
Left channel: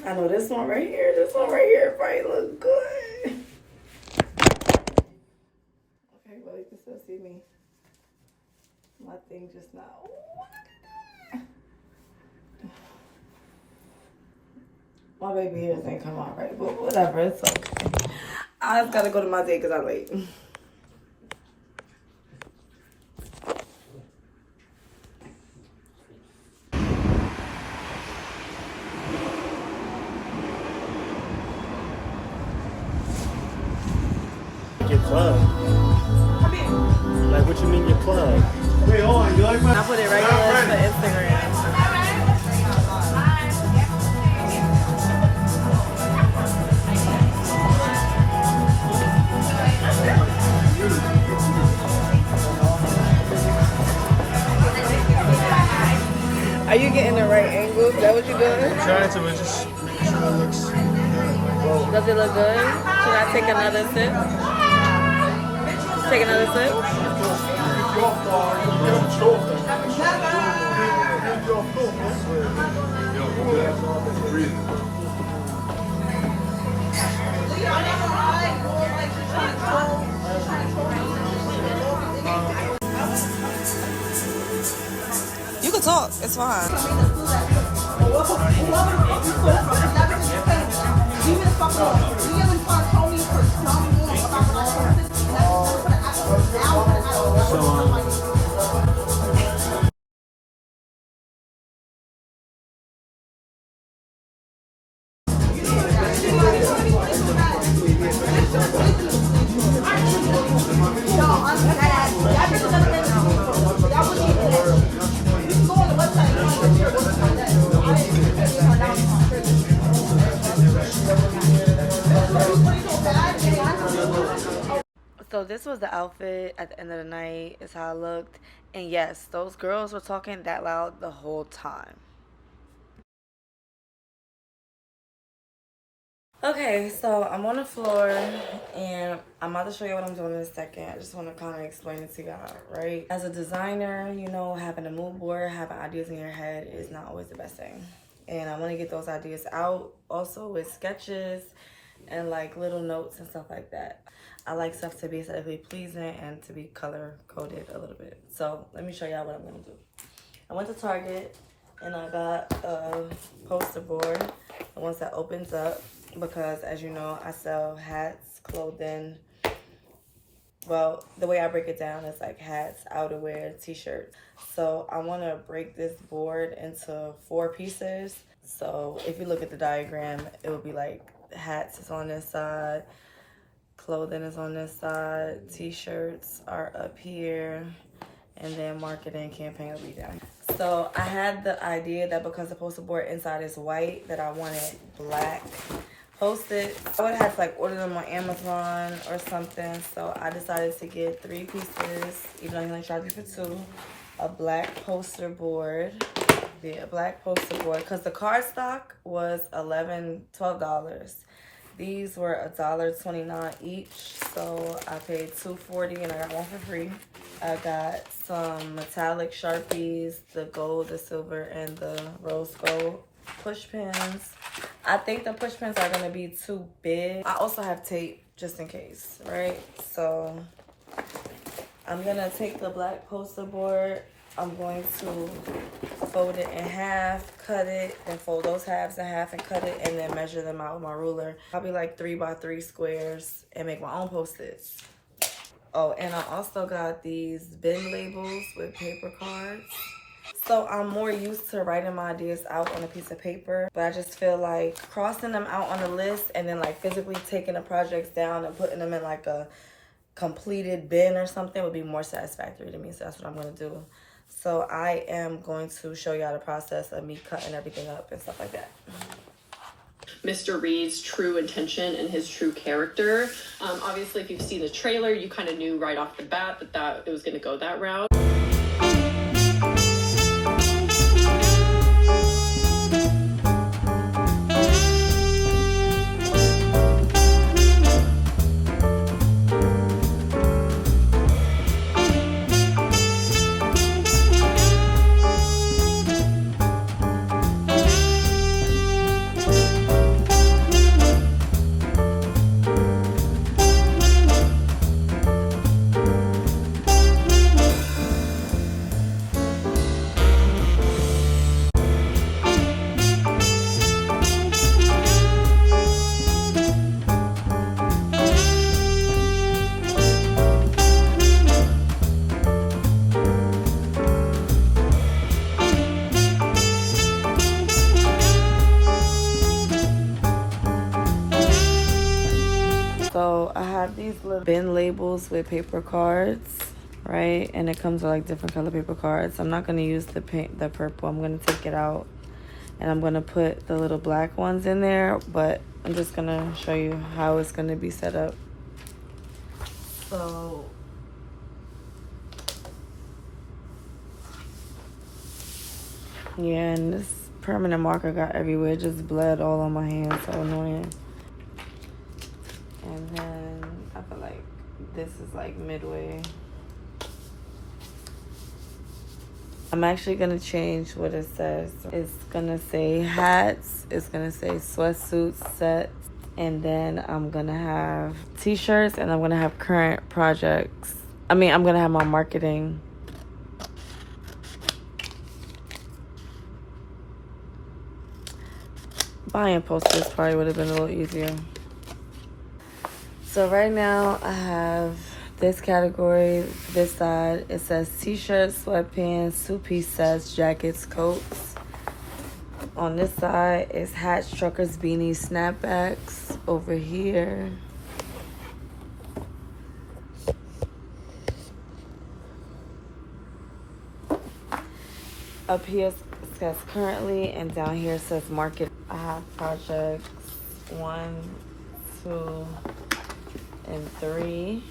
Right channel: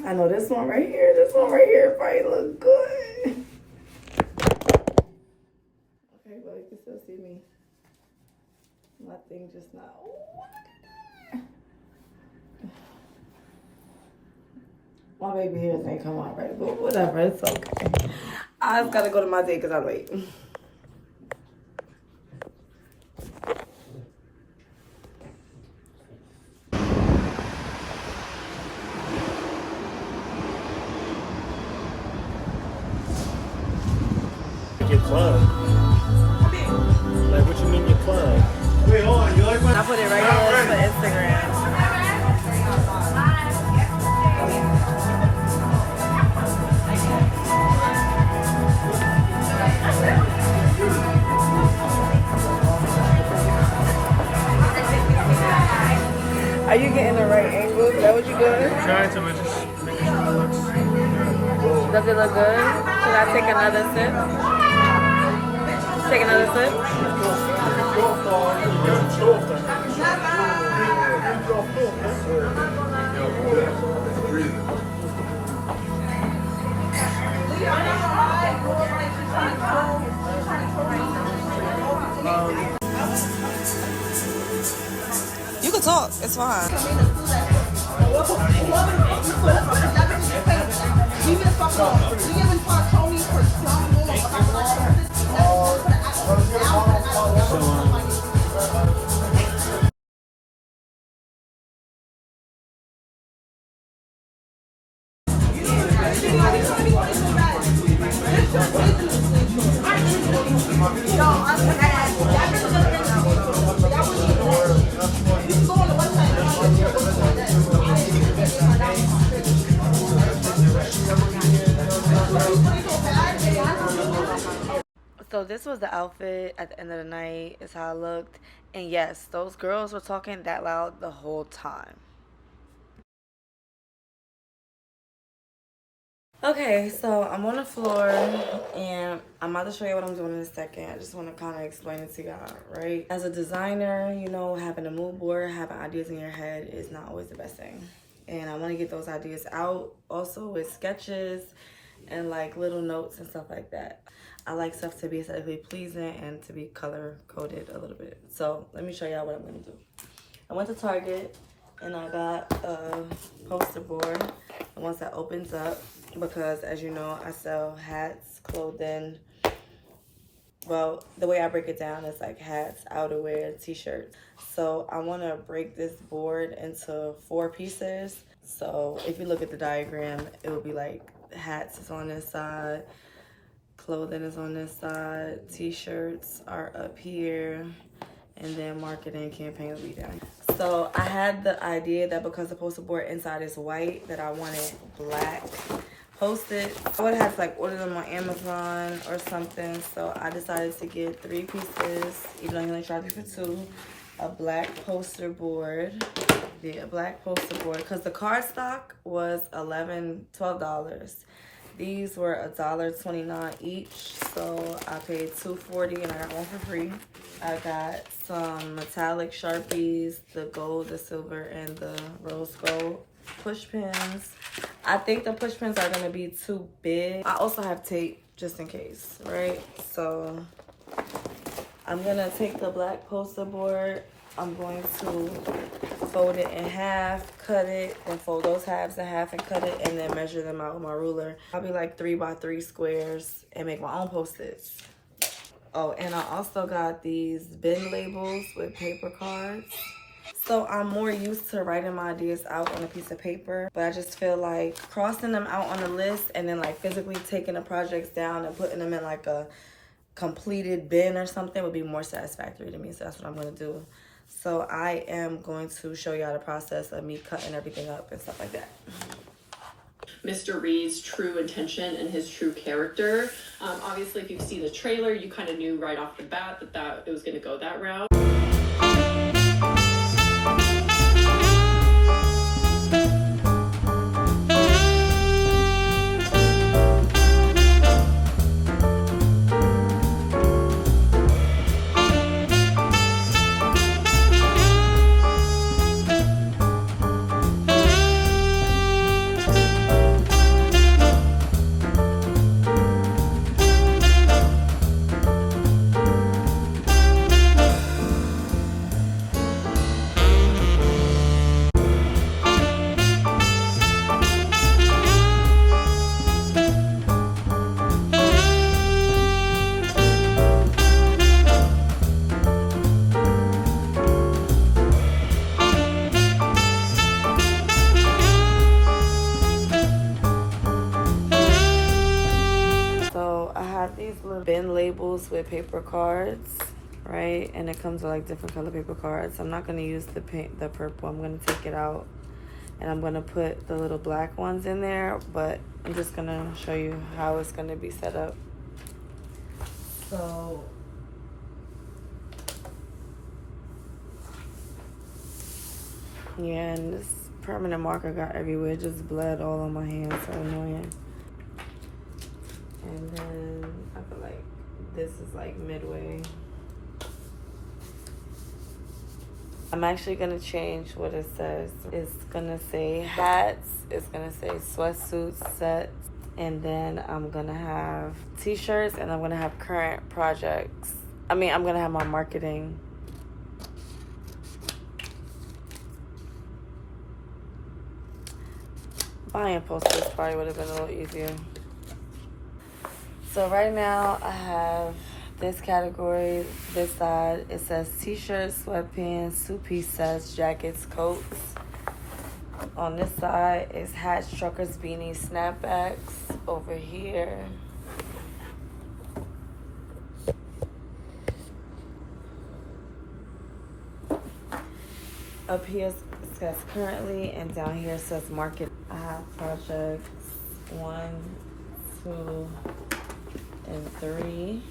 I know this one right here probably look good. Okay, well, you can still see me. My thing just not. Ooh, look at that. My baby hairs ain't come out right, but whatever, it's okay. I just gotta go to my day because I'm late. Your plug. Like, what you mean your plug? Wait, hold on. You like my? I put it right here for Instagram. Are you getting the right angle? Is that what you're doing? I'm trying to, but just making sure it looks good. Does it look good? Should I take another sip? Take another sip? You can talk. It's fine. So this was the outfit at the end of the night. Is how I looked. And yes, those girls were talking that loud the whole time. Okay, so I'm on the floor and I'm about to show you what I'm doing in a second. I just want to kind of explain it to y'all, right? As a designer, you know, having a mood board, having ideas in your head is not always the best thing. And I want to get those ideas out also with sketches and like little notes and stuff like that. I like stuff to be aesthetically pleasing and to be color coded a little bit. So let me show y'all what I'm gonna do. I went to Target and I got a poster board, the ones that opens up, because as you know, I sell hats, clothing. Well, the way I break it down is like hats, outerwear, t-shirts. So I want to break this board into 4 pieces. So if you look at the diagram, it would be like hats is on this side, clothing is on this side, t-shirts are up here, and then marketing campaign will be down. So I had the idea that because the poster board inside is white, that I wanted black posted. I would have to like order them on Amazon or something. So I decided to get 3 pieces, even though he only charged me for 2. A black poster board. Yeah, a black poster board. Because the cardstock was $12. These were $1.29 each. So I paid $2.40 and I got one for free. I got some metallic Sharpies, the gold, the silver, and the rose gold push pins. I think the push pins are going to be too big. I also have tape just in case, right? So I'm going to take the black poster board. I'm going to fold it in half, cut it, then fold those halves in half and cut it, and then measure them out with my ruler. Probably like 3 by 3 squares and make my own post-its. Oh, and I also got these bin labels with paper cards. So I'm more used to writing my ideas out on a piece of paper, but I just feel like crossing them out on a list and then like physically taking the projects down and putting them in like a completed bin or something would be more satisfactory to me. So that's what I'm gonna do. So I am going to show y'all the process of me cutting everything up and stuff like that. Mr. Reed's true intention and his true character. Obviously, if you've seen the trailer, you kind of knew right off the bat that it was going to go that route. Bin labels with paper cards, right? And it comes with like different color paper cards. I'm not gonna use the purple. I'm gonna take it out and I'm gonna put the little black ones in there, but I'm just gonna show you how it's gonna be set up. So yeah, and this permanent marker got everywhere. It just bled all on my hands, so annoying. And then I feel like this is like midway. I'm actually gonna change what it says. It's gonna say hats, it's gonna say sweatsuits, sets, and then I'm gonna have t-shirts and I'm gonna have current projects. I'm gonna have my marketing. Buying posters probably would have been a little easier. So right now I have this category, this side. It says t-shirts, sweatpants, two-piece sets, jackets, coats. On this side is hats, truckers, beanies, snapbacks. Over here, up here says currently, and down here says market. I have projects 1, 2, and 3.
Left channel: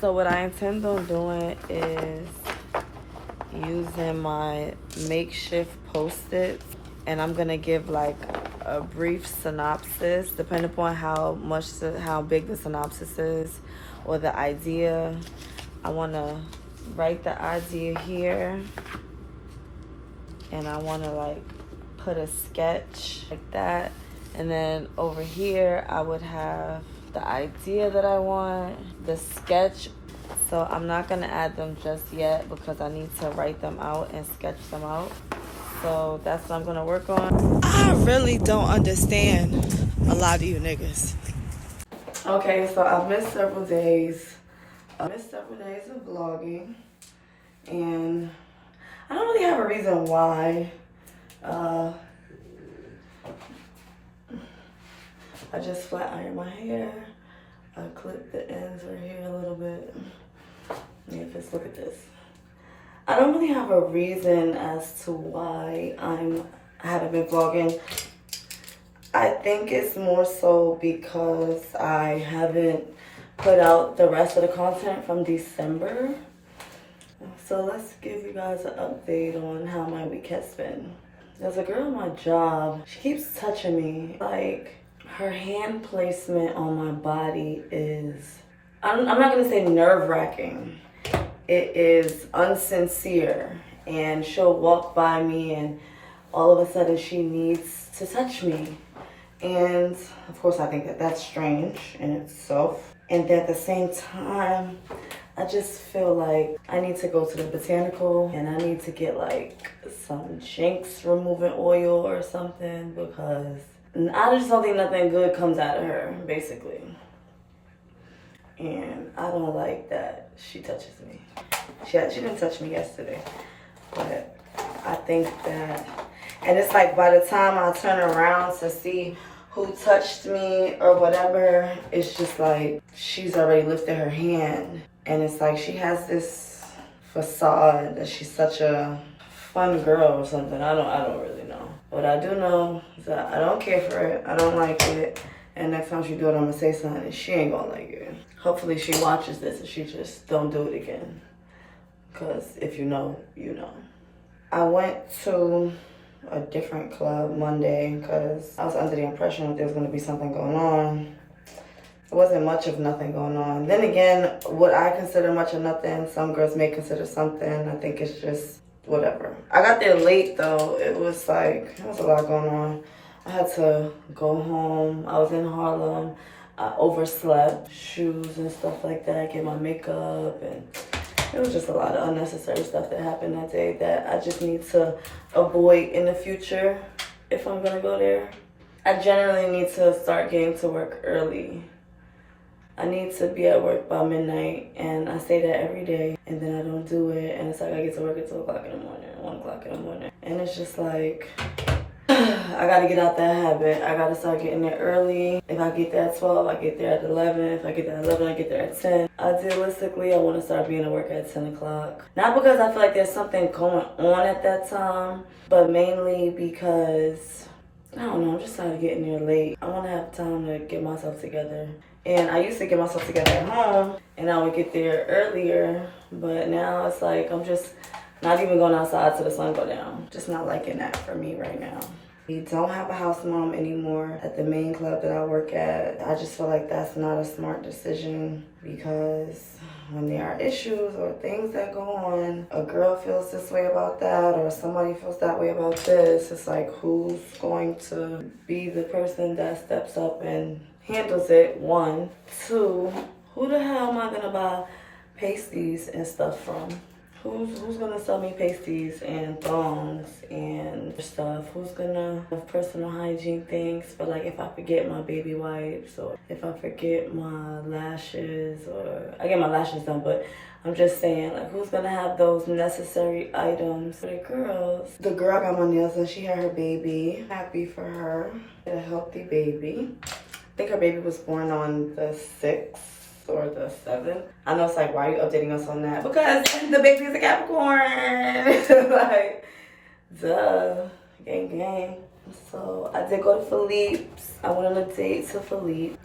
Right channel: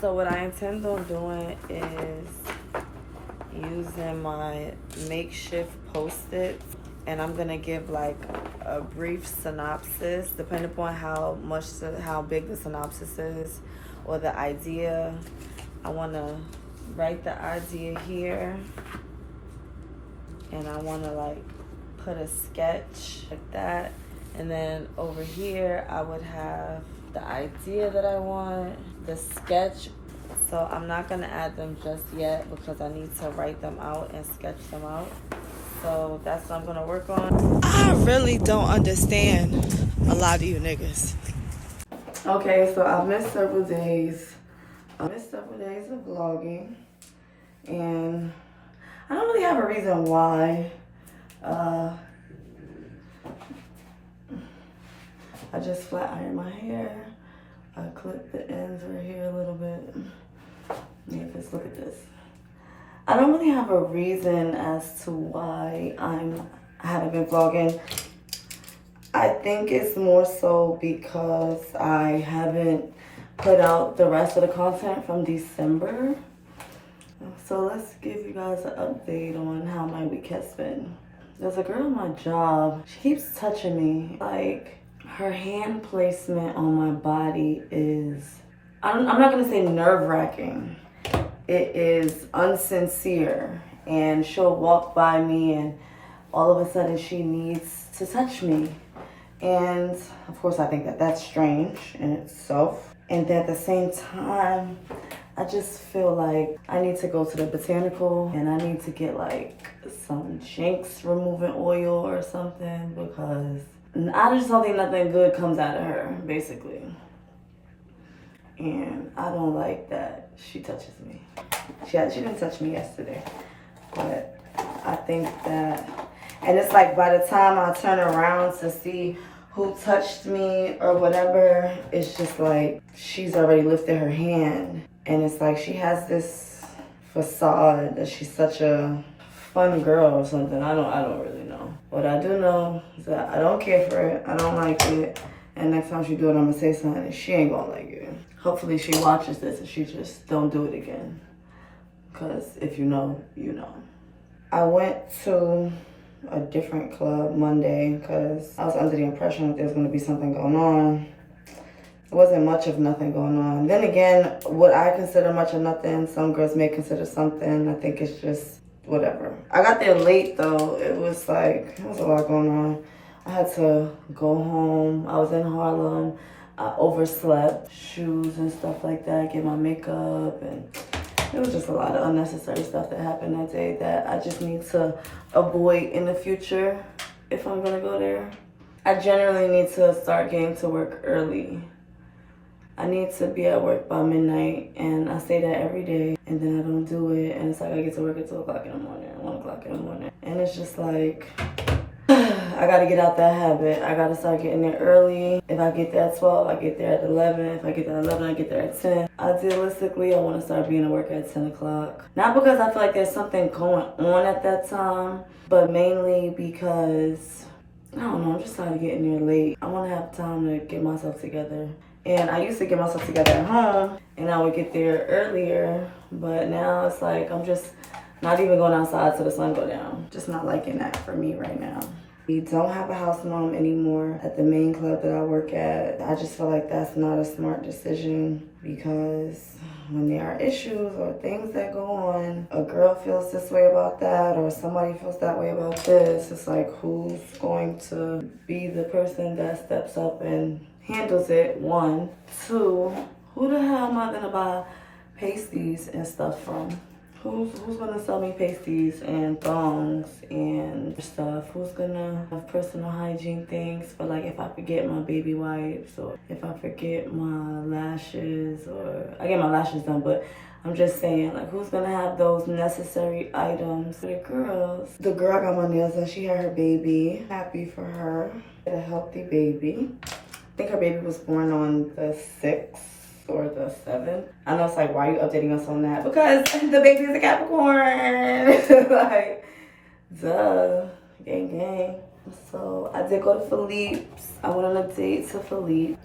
So what I intend on doing is using my makeshift post-its, and I'm gonna give like a brief synopsis depending upon how big the synopsis is or the idea. I want to write the idea here, and I want to like put a sketch like that. And then over here, I would have the idea that I want, the sketch. So I'm not gonna add them just yet because I need to write them out and sketch them out. So that's what I'm gonna work on. I really don't understand a lot of you niggas. Okay, so I've missed several days. I missed several days of vlogging. And I don't really have a reason why. I just flat ironed my hair. I clipped the ends right here a little bit. Just look at this. I don't really have a reason as to why I haven't been vlogging. I think it's more so because I haven't put out the rest of the content from December. So let's give you guys an update on how my week has been. There's a girl at my job. She keeps touching me. Like, her hand placement on my body is, I'm not gonna say nerve-wracking. It is unsincere. And she'll walk by me and all of a sudden she needs to touch me. And of course I think that that's strange in itself. And at the same time, I just feel like I need to go to the botanical and I need to get like some Jinx removing oil or something, because I just don't think nothing good comes out of her, basically. and I don't like that she touches me. She didn't touch me yesterday, but I think that, and it's like by the time I turn around to see who touched me or whatever, it's just like she's already lifted her hand, and it's like she has this facade that she's such a fun girl or something. I don't really know. What I do know is that I don't care for it. I don't like it. And next time she do it, I'm gonna say something and she ain't gonna like it. Hopefully she watches this and she just don't do it again. Cause if you know, you know. I went to a different club Monday because I was under the impression that there was gonna be something going on. It wasn't much of nothing going on. Then again, what I consider much of nothing, some girls may consider something. I think it's just whatever. I got there late though. It was like, there was a lot going on. I had to go home. I was in Harlem. I overslept, shoes and stuff like that, get my makeup, and it was just a lot of unnecessary stuff that happened that day that I just need to avoid in the future if I'm gonna go there. I generally need to start getting to work early. I need to be at work by midnight, and I say that every day, and then I don't do it, and it's like I get to work at 2 o'clock in the morning, 1 o'clock in the morning, and it's just like, I gotta get out that habit. I gotta start getting there early. If I get there at 12, I get there at 11. If I get there at 11, I get there at 10. Idealistically, I wanna start being at work at 10 o'clock. Not because I feel like there's something going on at that time, but mainly because, I don't know, I'm just tired of getting there late. I wanna have time to get myself together. And I used to get myself together at home, and I would get there earlier, but now it's like I'm just not even going outside till the sun go down. Just not liking that for me right now. We don't have a house mom anymore at the main club that I work at. I just feel like that's not a smart decision because when there are issues or things that go on, a girl feels this way about that or somebody feels that way about this, it's like who's going to be the person that steps up and handles it, 1. 2, who the hell am I gonna buy pasties and stuff from? Who's gonna sell me pasties and thongs and stuff? Who's gonna have personal hygiene things for, like, if I forget my baby wipes or if I forget my lashes, or I get my lashes done, but I'm just saying, like, who's gonna have those necessary items for the girls? The girl got my nails done. She had her baby. Happy for her. A healthy baby. I think her baby was born on the 6th or the 7th. I know it's like, why are you updating us on that? Because the baby is a Capricorn. Like, duh. Gang, gang. So I did go to Philippe's. I went on a date to Philippe.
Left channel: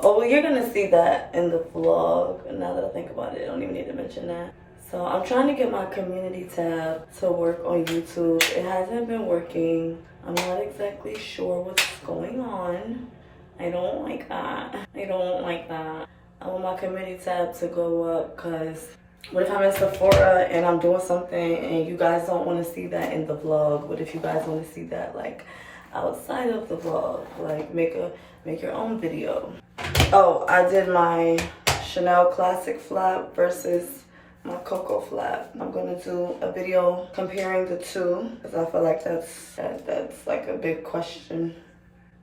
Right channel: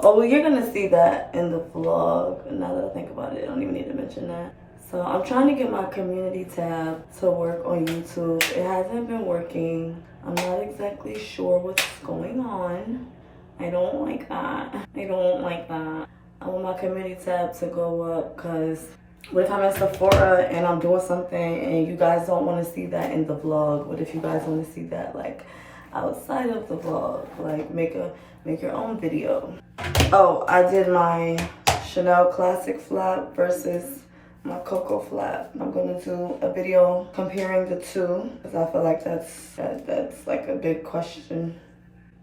Oh, well, you're gonna see that in the vlog. Now that I think about it, I don't even need to mention that. So I'm trying to get my community tab to work on YouTube. It hasn't been working. I'm not exactly sure what's going on. I don't like that. I want my community tab to go up because what if I'm in Sephora and I'm doing something and you guys don't want to see that in the vlog? What if you guys want to see that like outside of the vlog? Like make your own video. Oh, I did my Chanel Classic flap versus my Coco flap. I'm gonna do a video comparing the two because I feel like that's like a big question.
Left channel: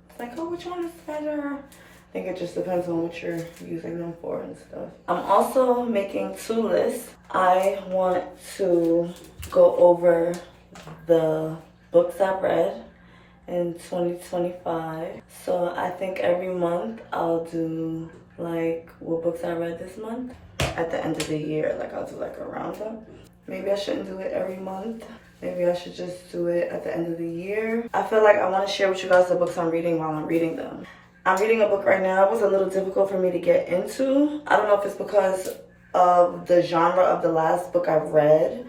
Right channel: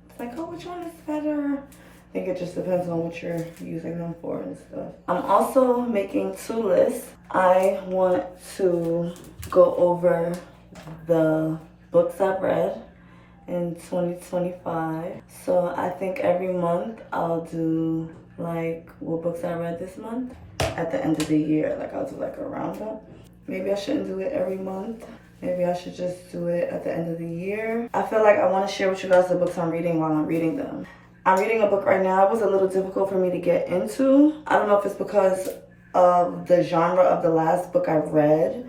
It's like, oh, which one is better? I think it just depends on what you're using them for and stuff. I'm also making 2 lists. I want to go over the books I've read in 2025. So I think every month I'll do like what books I read this month. At the end of the year, like I'll do like a roundup. Maybe I shouldn't do it every month. Maybe I should just do it at the end of the year. I feel like I want to share with you guys the books I'm reading while I'm reading them. I'm reading a book right now. It was a little difficult for me to get into. I don't know if it's because of the genre of the last book I read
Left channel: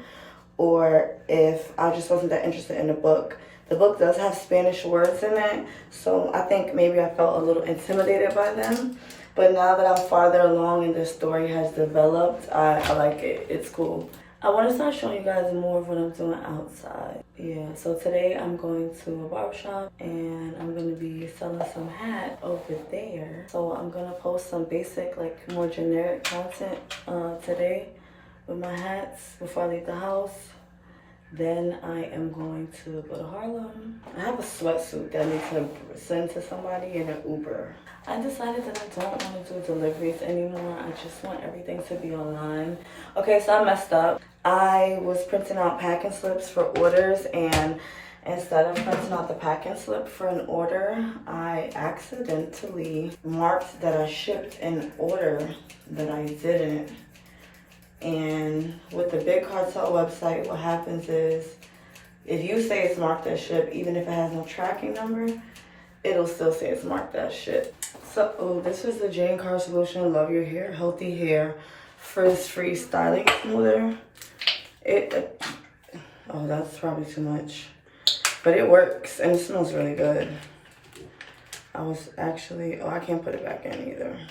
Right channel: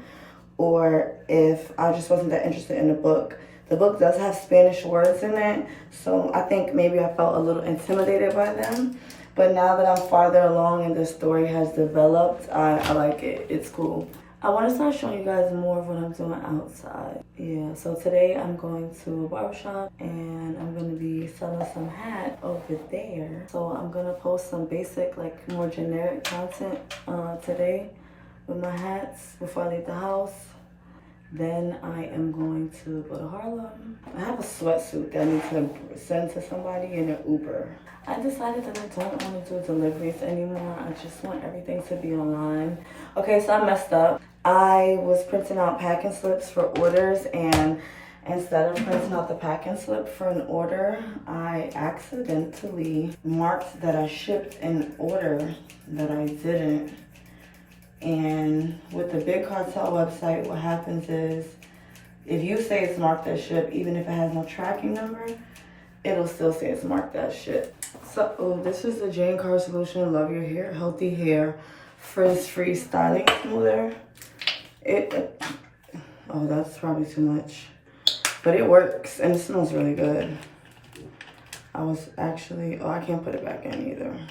or if I just wasn't that interested in the book. The book does have Spanish words in it, so I think maybe I felt a little intimidated by them. But now that I'm farther along and the story has developed, I like it. It's cool. I want to start showing you guys more of what I'm doing outside. Yeah, so today I'm going to a barbershop and I'm going to be selling some hats over there. So I'm going to post some basic, like more generic content today with my hats before I leave the house. Then I am going to go to Harlem. I have a sweatsuit that I need to send to somebody in an Uber. I decided that I don't want to do deliveries anymore. I just want everything to be online. Okay, so I messed up. I was printing out packing slips for orders, and instead of printing out the packing slip for an order, I accidentally marked that I shipped an order that I didn't. And with the Big Cartel website, what happens is if you say it's marked as ship, even if it has no tracking number, it'll still say it's marked as ship. So this is the Jane Carr Solution Love Your Hair, Healthy Hair, Frizz-Free Styling Smoother. Oh, that's probably too much. But it works and it smells really good. I can't put it back in either.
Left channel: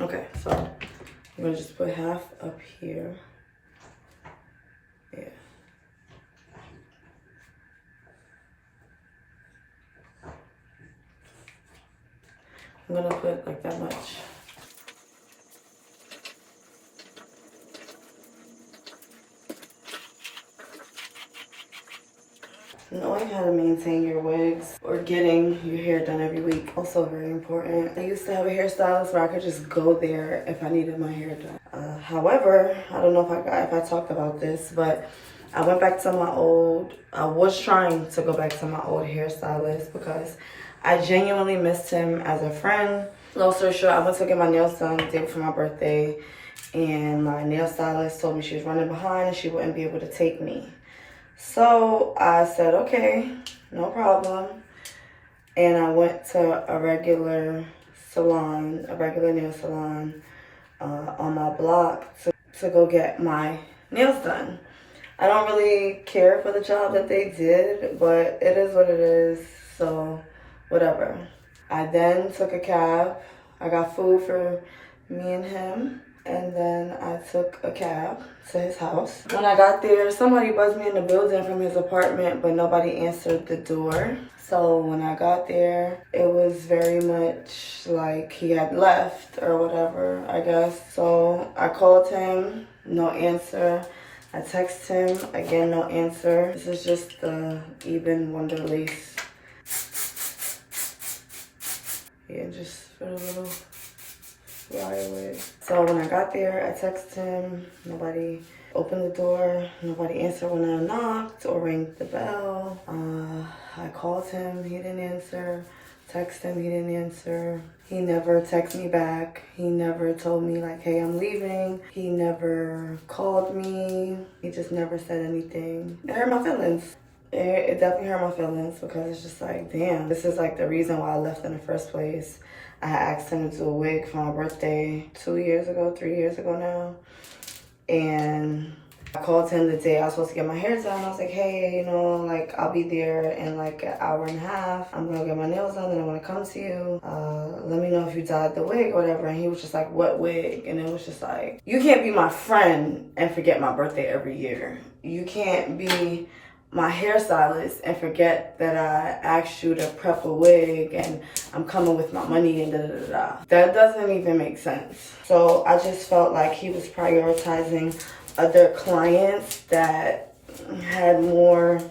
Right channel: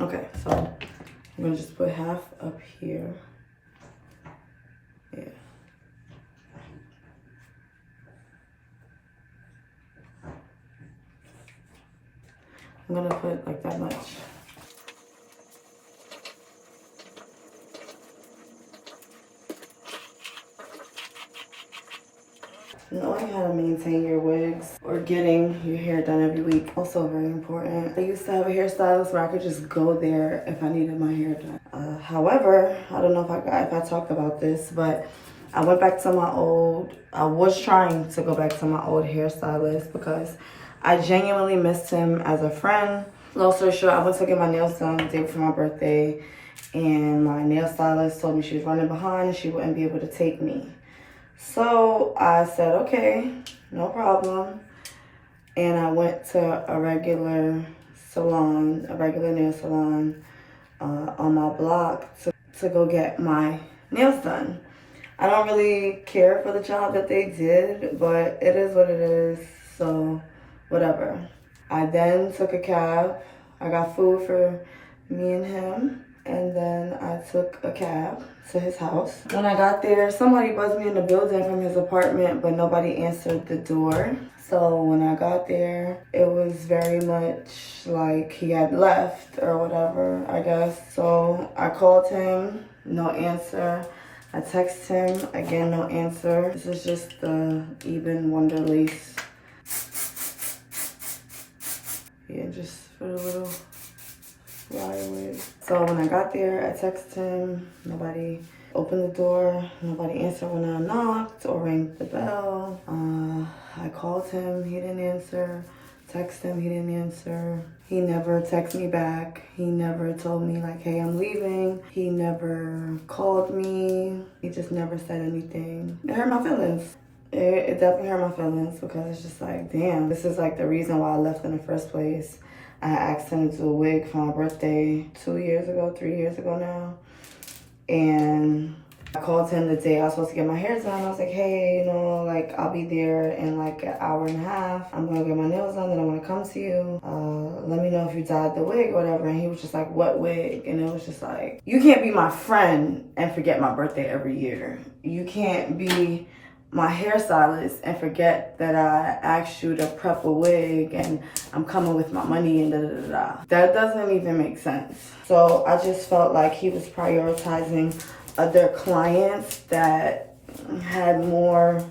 Okay, so I'm gonna just put half up here. Yeah. I'm gonna put like that much. Knowing how to maintain your wigs or getting your hair done every week, also very important. I used to have a hairstylist where I could just go there if I needed my hair done. However, I don't know if I talked about this, but I went back to I was trying to go back to my old hairstylist because I genuinely missed him as a friend. Long story short, I went to get my nails done the day before my birthday, and my nail stylist told me she was running behind and she wouldn't be able to take me. So I said, okay, no problem. And I went to a regular nail salon on my block to go get my nails done. I don't really care for the job that they did, but it is what it is, so whatever. I then took a cab. I got food for me and him. And then I took a cab to his house. When I got there, somebody buzzed me in the building from his apartment, but nobody answered the door. So when I got there, it was very much like he had left or whatever, I guess. So I called him, no answer. I texted him, again, no answer. This is just the Eben Wonder Lace. Yeah, just put a little flyaway. So when I got there, I texted him. Nobody opened the door. Nobody answered when I knocked or rang the bell. I called him. He didn't answer. Texted him. He didn't answer. He never texted me back. He never told me like, hey, I'm leaving. He never called me. He just never said anything. It hurt my feelings. It definitely hurt my feelings because it's just like, damn, this is like the reason why I left in the first place. I asked him to do a wig for my birthday 3 years ago now. And I called him the day I was supposed to get my hair done. I was like, hey, like I'll be there in like an hour and a half. I'm gonna get my nails done and I'm gonna come to you. Let me know if you dyed the wig or whatever. And he was just like, what wig? And it was just like, you can't be my friend and forget my birthday every year. You can't be my hairstylist and forget that I asked you to prep a wig and I'm coming with my money and da-da-da-da. That doesn't even make sense. So I just felt like he was prioritizing other clients that had more,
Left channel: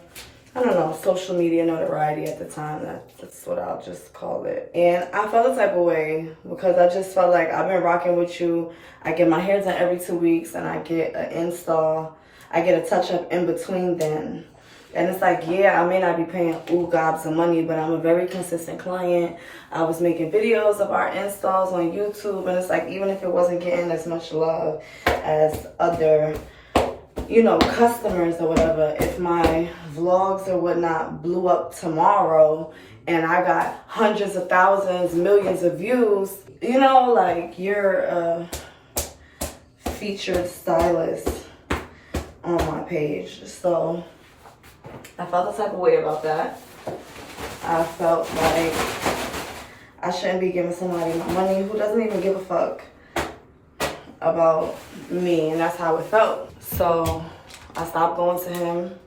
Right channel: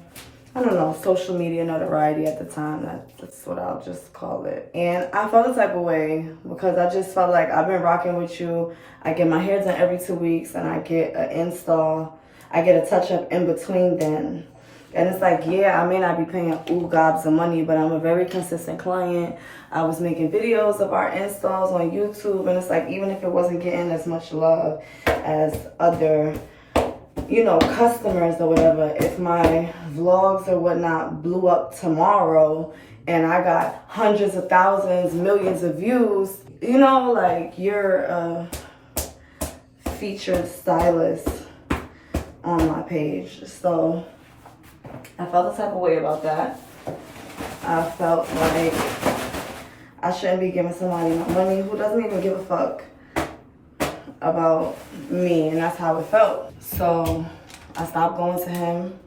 I don't know, social media notoriety at the time. That's what I'll just call it. And I felt the type of way because I just felt like I've been rocking with you. I get my hair done every 2 weeks and I get an install. I get a touch-up in between then. And it's like, yeah, I may not be paying gobs of money, but I'm a very consistent client. I was making videos of our installs on YouTube, and it's like, even if it wasn't getting as much love as other, customers or whatever, if my vlogs or whatnot blew up tomorrow and I got hundreds of thousands, millions of views, like you're a featured stylist on my page. So I felt the type of way about that. I felt like I shouldn't be giving somebody my money who doesn't even give a fuck about me, and that's how it felt. So I stopped going to him.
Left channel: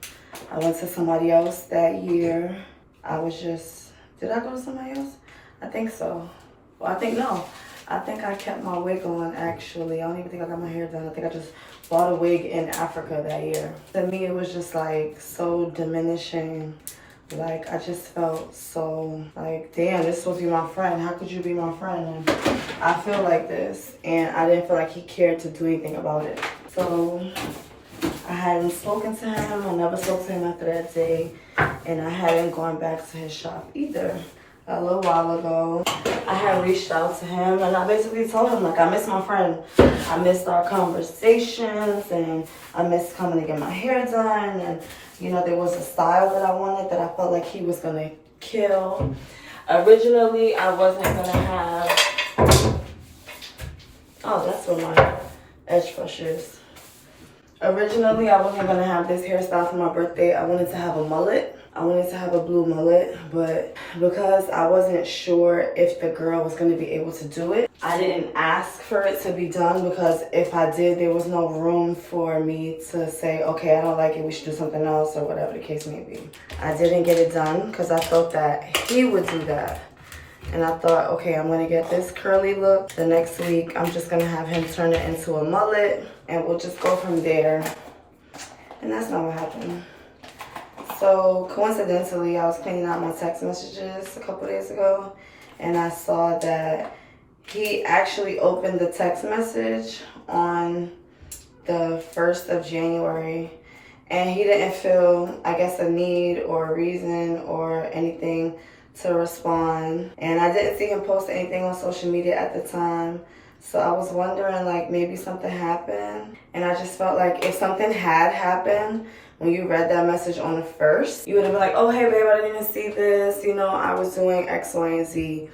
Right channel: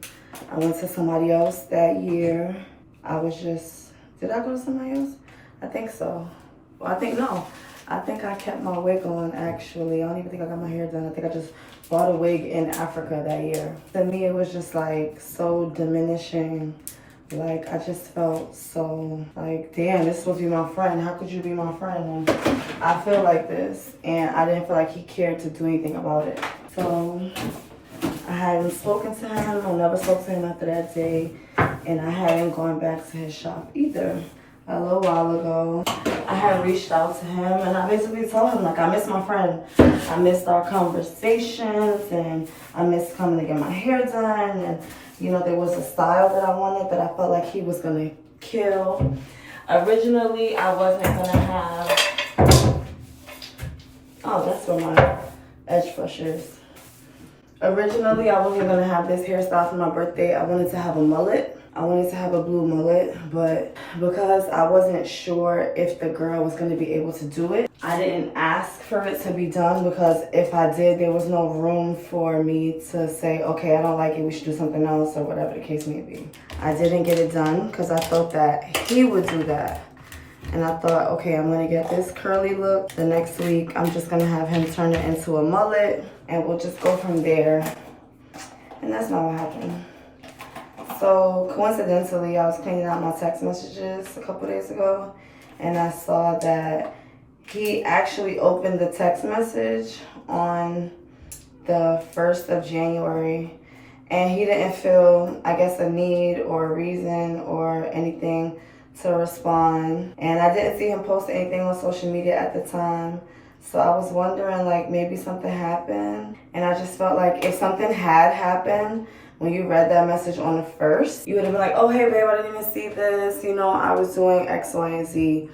I went to somebody else that year. Did I go to somebody else? I think so. Well, no. I think I kept my wig on actually. I don't even think I got my hair done. I think I just bought a wig in Africa that year. To me, it was just like so diminishing. Like, I just felt so like, damn, this is supposed to be my friend. How could you be my friend? And I feel like this. And I didn't feel like he cared to do anything about it. So I hadn't spoken to him. I never spoke to him after that day. And I hadn't gone back to his shop either. A little while ago, I had reached out to him and I basically told him, like, I miss my friend. I missed our conversations and I missed coming to get my hair done. And, you know, there was a style that I wanted that I felt like he was going to kill. Originally, I wasn't going to have... Oh, that's where my edge brush is. Originally, I wasn't going to have this hairstyle for my birthday. I wanted to have a mullet. I wanted to have a blue mullet, but because I wasn't sure if the girl was going to be able to do it, I didn't ask for it to be done because if I did, there was no room for me to say, okay, I don't like it, we should do something else or whatever the case may be. I didn't get it done because I thought that he would do that. And I thought, okay, I'm going to get this curly look. The next week, I'm just going to have him turn it into a mullet and we'll just go from there. And that's not what happened. So coincidentally, I was cleaning out my text messages a couple days ago and I saw that he actually opened the text message on the 1st of January and he didn't feel, I guess, a need or a reason or anything to respond. And I didn't see him post anything on social media at the time. So I was wondering, like, maybe something happened. And I just felt like if something had happened, when you read that message on the 1st, you would have been like, oh, hey, babe, I didn't even see this. You know, I was doing X, Y, and Z.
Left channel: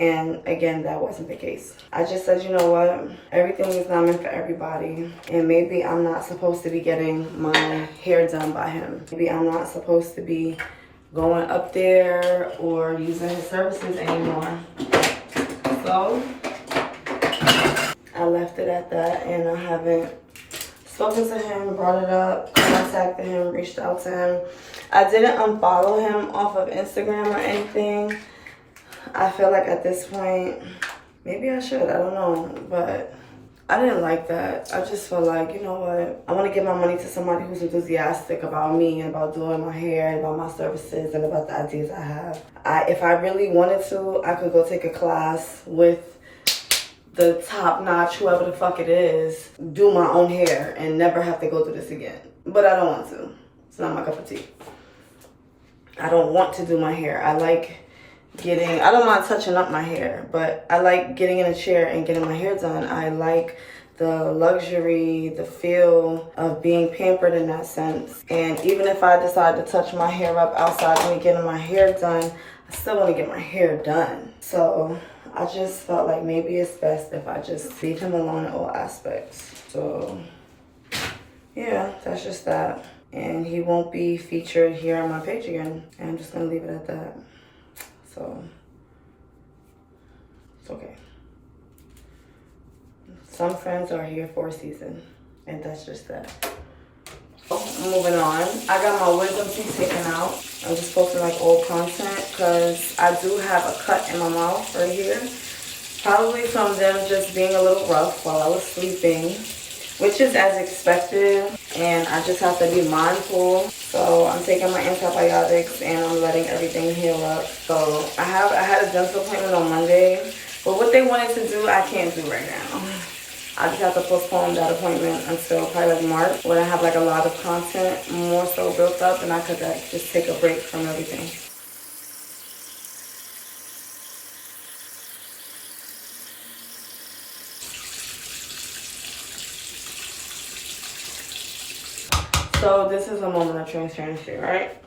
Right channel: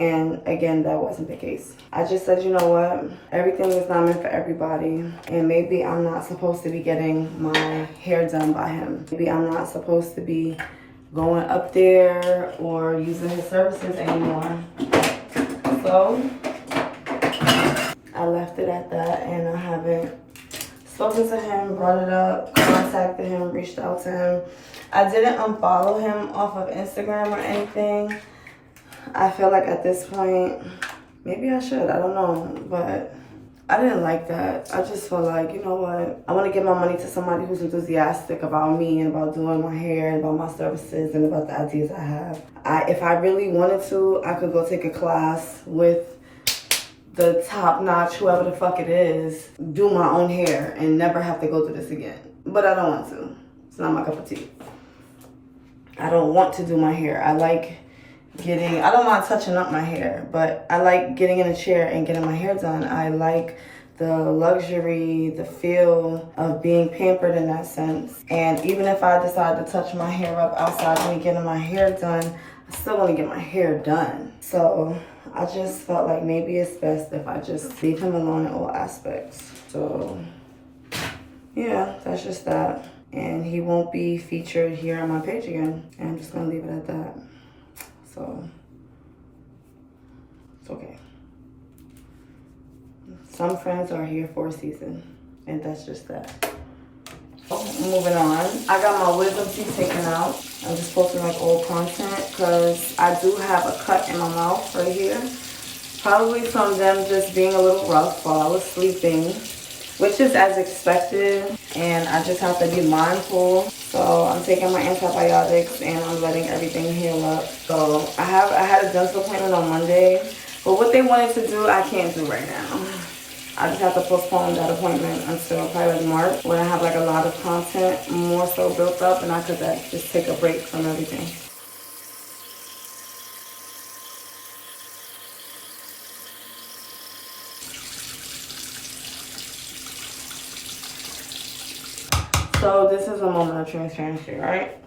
And again, that wasn't the case. I just said, you know what? Everything is not meant for everybody. And maybe I'm not supposed to be getting my hair done by him. Maybe I'm not supposed to be going up there or using his services anymore. So I left it at that and I haven't spoken to him, brought it up, contacted him, reached out to him. I didn't unfollow him off of Instagram or anything. I feel like at this point, maybe I should, I don't know, but I didn't like that. I just feel like, you know what? I want to give my money to somebody who's enthusiastic about me and about doing my hair and about my services and about the ideas I have. If I really wanted to, I could go take a class with the top-notch, whoever the fuck it is, do my own hair and never have to go through this again. But I don't want to. It's not my cup of tea. I don't want to do my hair. I like I don't mind touching up my hair, but I like getting in a chair and getting my hair done. I like the luxury, the feel of being pampered in that sense. And even if I decide to touch my hair up outside when getting my hair done, I still want to get my hair done. So I just felt like maybe it's best if I just leave him alone in all aspects. So yeah, that's just that. And he won't be featured here on my page again. And I'm just going to leave it at that. So it's okay. Some friends are here for a season, and that's just that. Moving on, I got my wisdom teeth taken out. I'm just posting like old content because I do have a cut in my mouth right here. Probably from them just being a little rough while I was sleeping, which is as expected, and I just have to be mindful. So I'm taking my antibiotics and I'm letting everything heal up. So I had a dental appointment on Monday, but what they wanted to do, I can't do right now. I just have to postpone that appointment until probably like March, when I have like a lot of content more so built up and I could just take a break from everything. So this is a moment of transparency, right?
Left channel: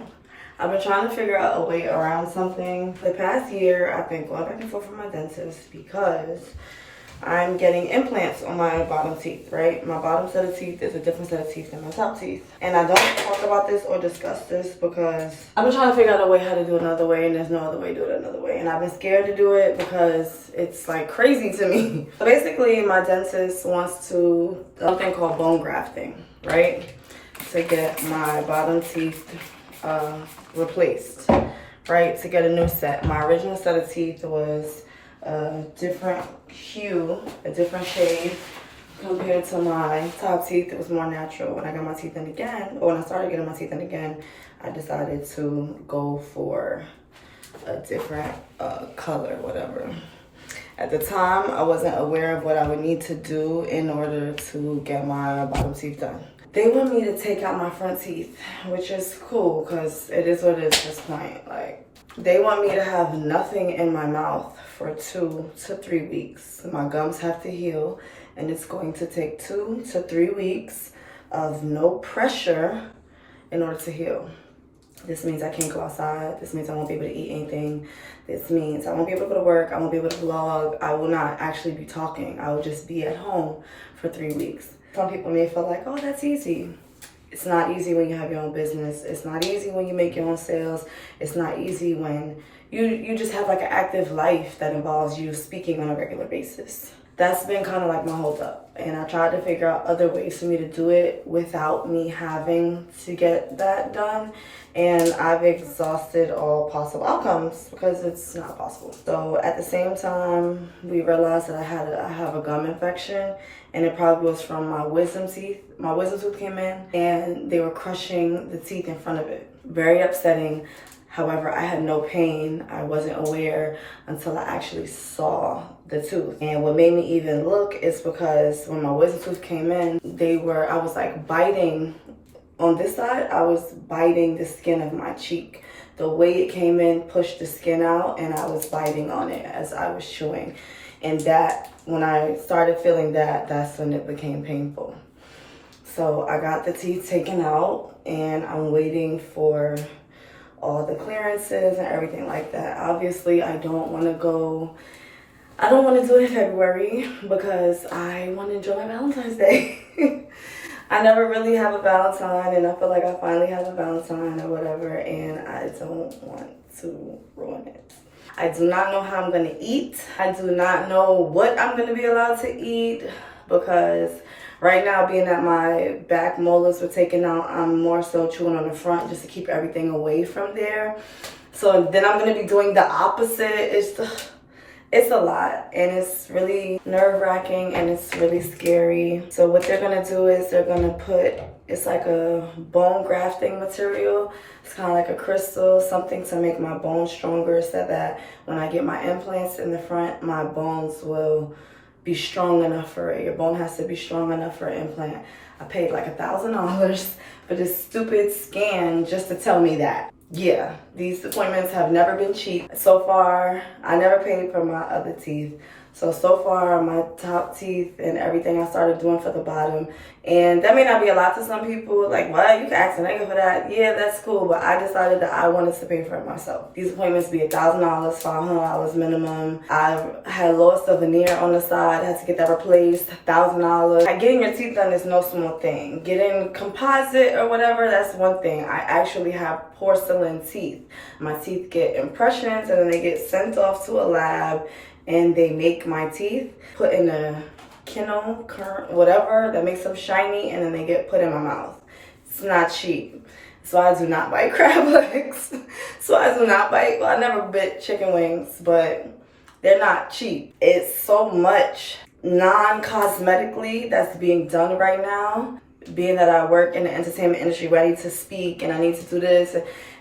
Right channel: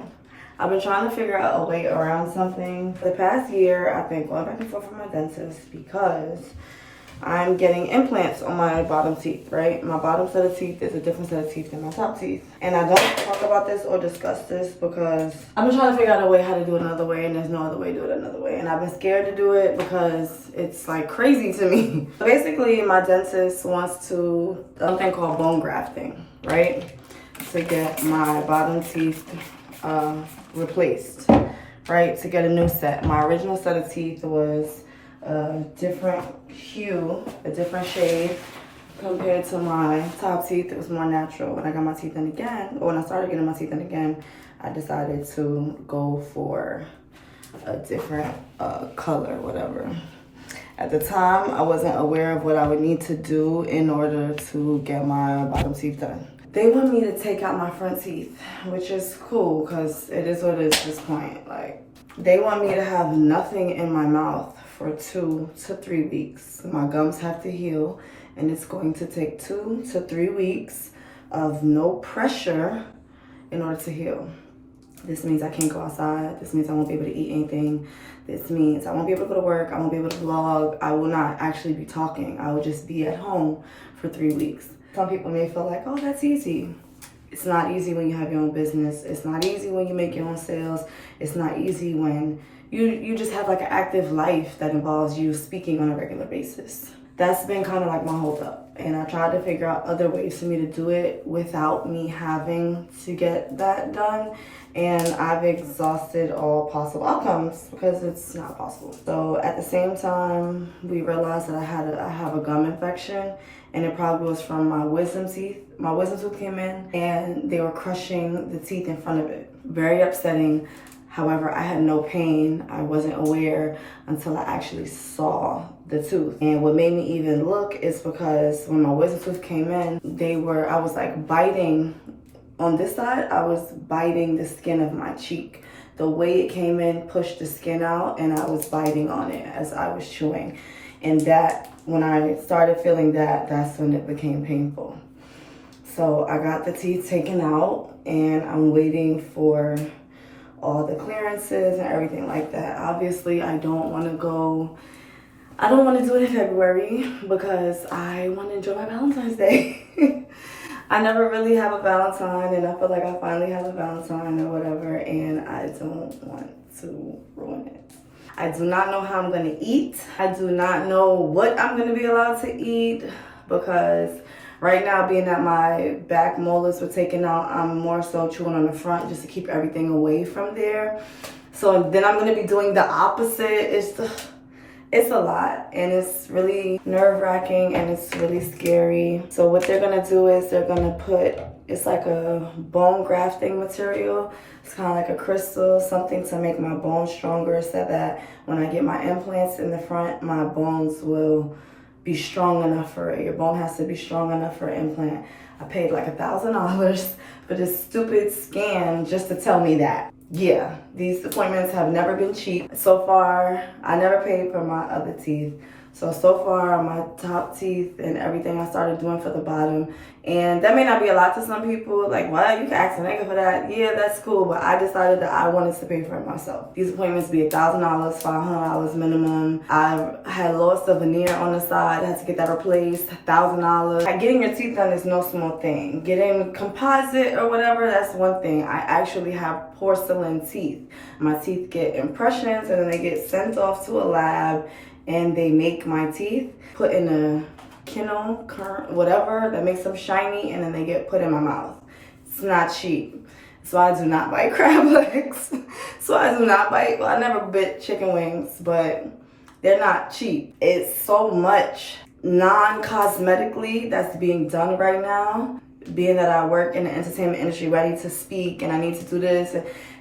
I've been trying to figure out a way around something. The past year, I've been going back and forth with my dentist because I'm getting implants on my bottom teeth, right? My bottom set of teeth is a different set of teeth than my top teeth. And I don't talk about this or discuss this because I've been trying to figure out a way how to do it another way, and there's no other way to do it another way. And I've been scared to do it because it's like crazy to me. Basically, my dentist wants to do something called bone grafting, right? To get my bottom teeth replaced, right? To get a new set. My original set of teeth was a different hue, a different shade compared to my top teeth. It was more natural. When I got my teeth in again, or when I started getting my teeth in again, I decided to go for a different color, whatever. At the time, I wasn't aware of what I would need to do in order to get my bottom teeth done. They want me to take out my front teeth, which is cool because it is what it is at this point. Like, they want me to have nothing in my mouth for 2 to 3 weeks. My gums have to heal, and it's going to take 2 to 3 weeks of no pressure in order to heal. This means I can't go outside. This means I won't be able to eat anything. This means I won't be able to go to work. I won't be able to vlog. I will not actually be talking. I will just be at home for 3 weeks. Some people may feel like, oh, that's easy. It's not easy when you have your own business. It's not easy when you make your own sales. It's not easy when you just have like an active life that involves you speaking on a regular basis. That's been kind of like my hold up. And I tried to figure out other ways for me to do it without me having to get that done. And I've exhausted all possible outcomes because it's not possible. So at the same time, we realized that I have a gum infection, and it probably was from my wisdom teeth. My wisdom tooth came in and they were crushing the teeth in front of it. Very upsetting. However, I had no pain. I wasn't aware until I actually saw the tooth. And what made me even look is because when my wisdom tooth came in, I was like biting on this side. I was biting the skin of my cheek. The way it came in pushed the skin out, and I was biting on it as I was chewing. And that, when I started feeling that, that's when it became painful. So I got the teeth taken out, and I'm waiting for all the clearances and everything like that. Obviously, I don't want to do it in February because I want to enjoy my Valentine's Day. I never really have a Valentine, and I feel like I finally have a Valentine or whatever, and I don't want to ruin it. I do not know how I'm going to eat. I do not know what I'm going to be allowed to eat because right now, being that my back molars were taken out, I'm more so chewing on the front just to keep everything away from there. So then I'm going to be doing the opposite. It's a lot, and it's really nerve-wracking, and it's really scary. So what they're gonna do is they're gonna it's like a bone grafting material. It's kind of like a crystal, something to make my bones stronger so that when I get my implants in the front, my bones will be strong enough for it. Your bone has to be strong enough for an implant. I paid like $1,000 for this stupid scan just to tell me that. Yeah, these appointments have never been cheap. So far, I never paid for my other teeth. So far, my top teeth and everything I started doing for the bottom. And that may not be a lot to some people. Like, what? You can ask a nigga for that. Yeah, that's cool. But I decided that I wanted to pay for it myself. These appointments be $1,000, $500 minimum. I had lost a veneer on the side. I had to get that replaced, $1,000. Getting your teeth done is no small thing. Getting composite or whatever, that's one thing. I actually have porcelain teeth. My teeth get impressions, and then they get sent off to a lab, and they make my teeth, put in a kennel, current, whatever, that makes them shiny, and then they get put in my mouth. It's not cheap. So I do not bite crab legs. Well, I never bit chicken wings, but they're not cheap. It's so much non-cosmetically that's being done right now. Being that I work in the entertainment industry, ready to speak, and I need to do this,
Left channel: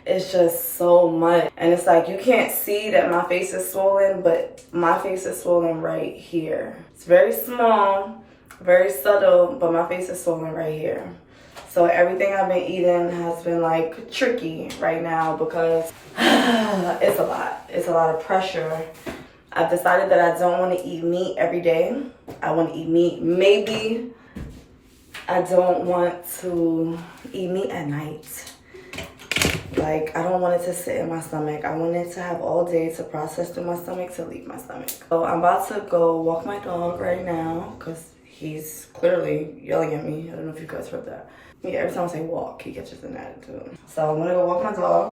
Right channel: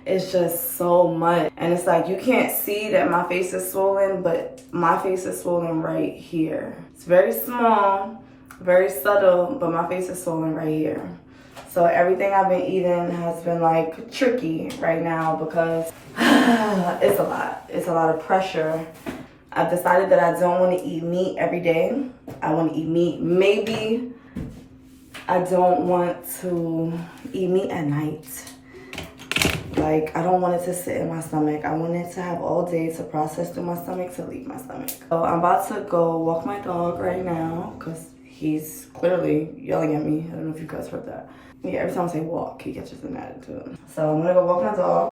it's just so much. And it's like, you can't see that my face is swollen, but my face is swollen right here. It's very small, very subtle, but my face is swollen right here. So everything I've been eating has been like tricky right now because it's a lot. It's a lot of pressure. I've decided that I don't want to eat meat every day. I want to eat meat maybe. I don't want to eat meat at night. Like, I don't want it to sit in my stomach. I want it to have all day to process through my stomach to leave my stomach. So I'm about to go walk my dog right now because he's clearly yelling at me. I don't know if you guys heard that. Yeah, every time I say walk, he catches an attitude. So I'm gonna go walk my dog.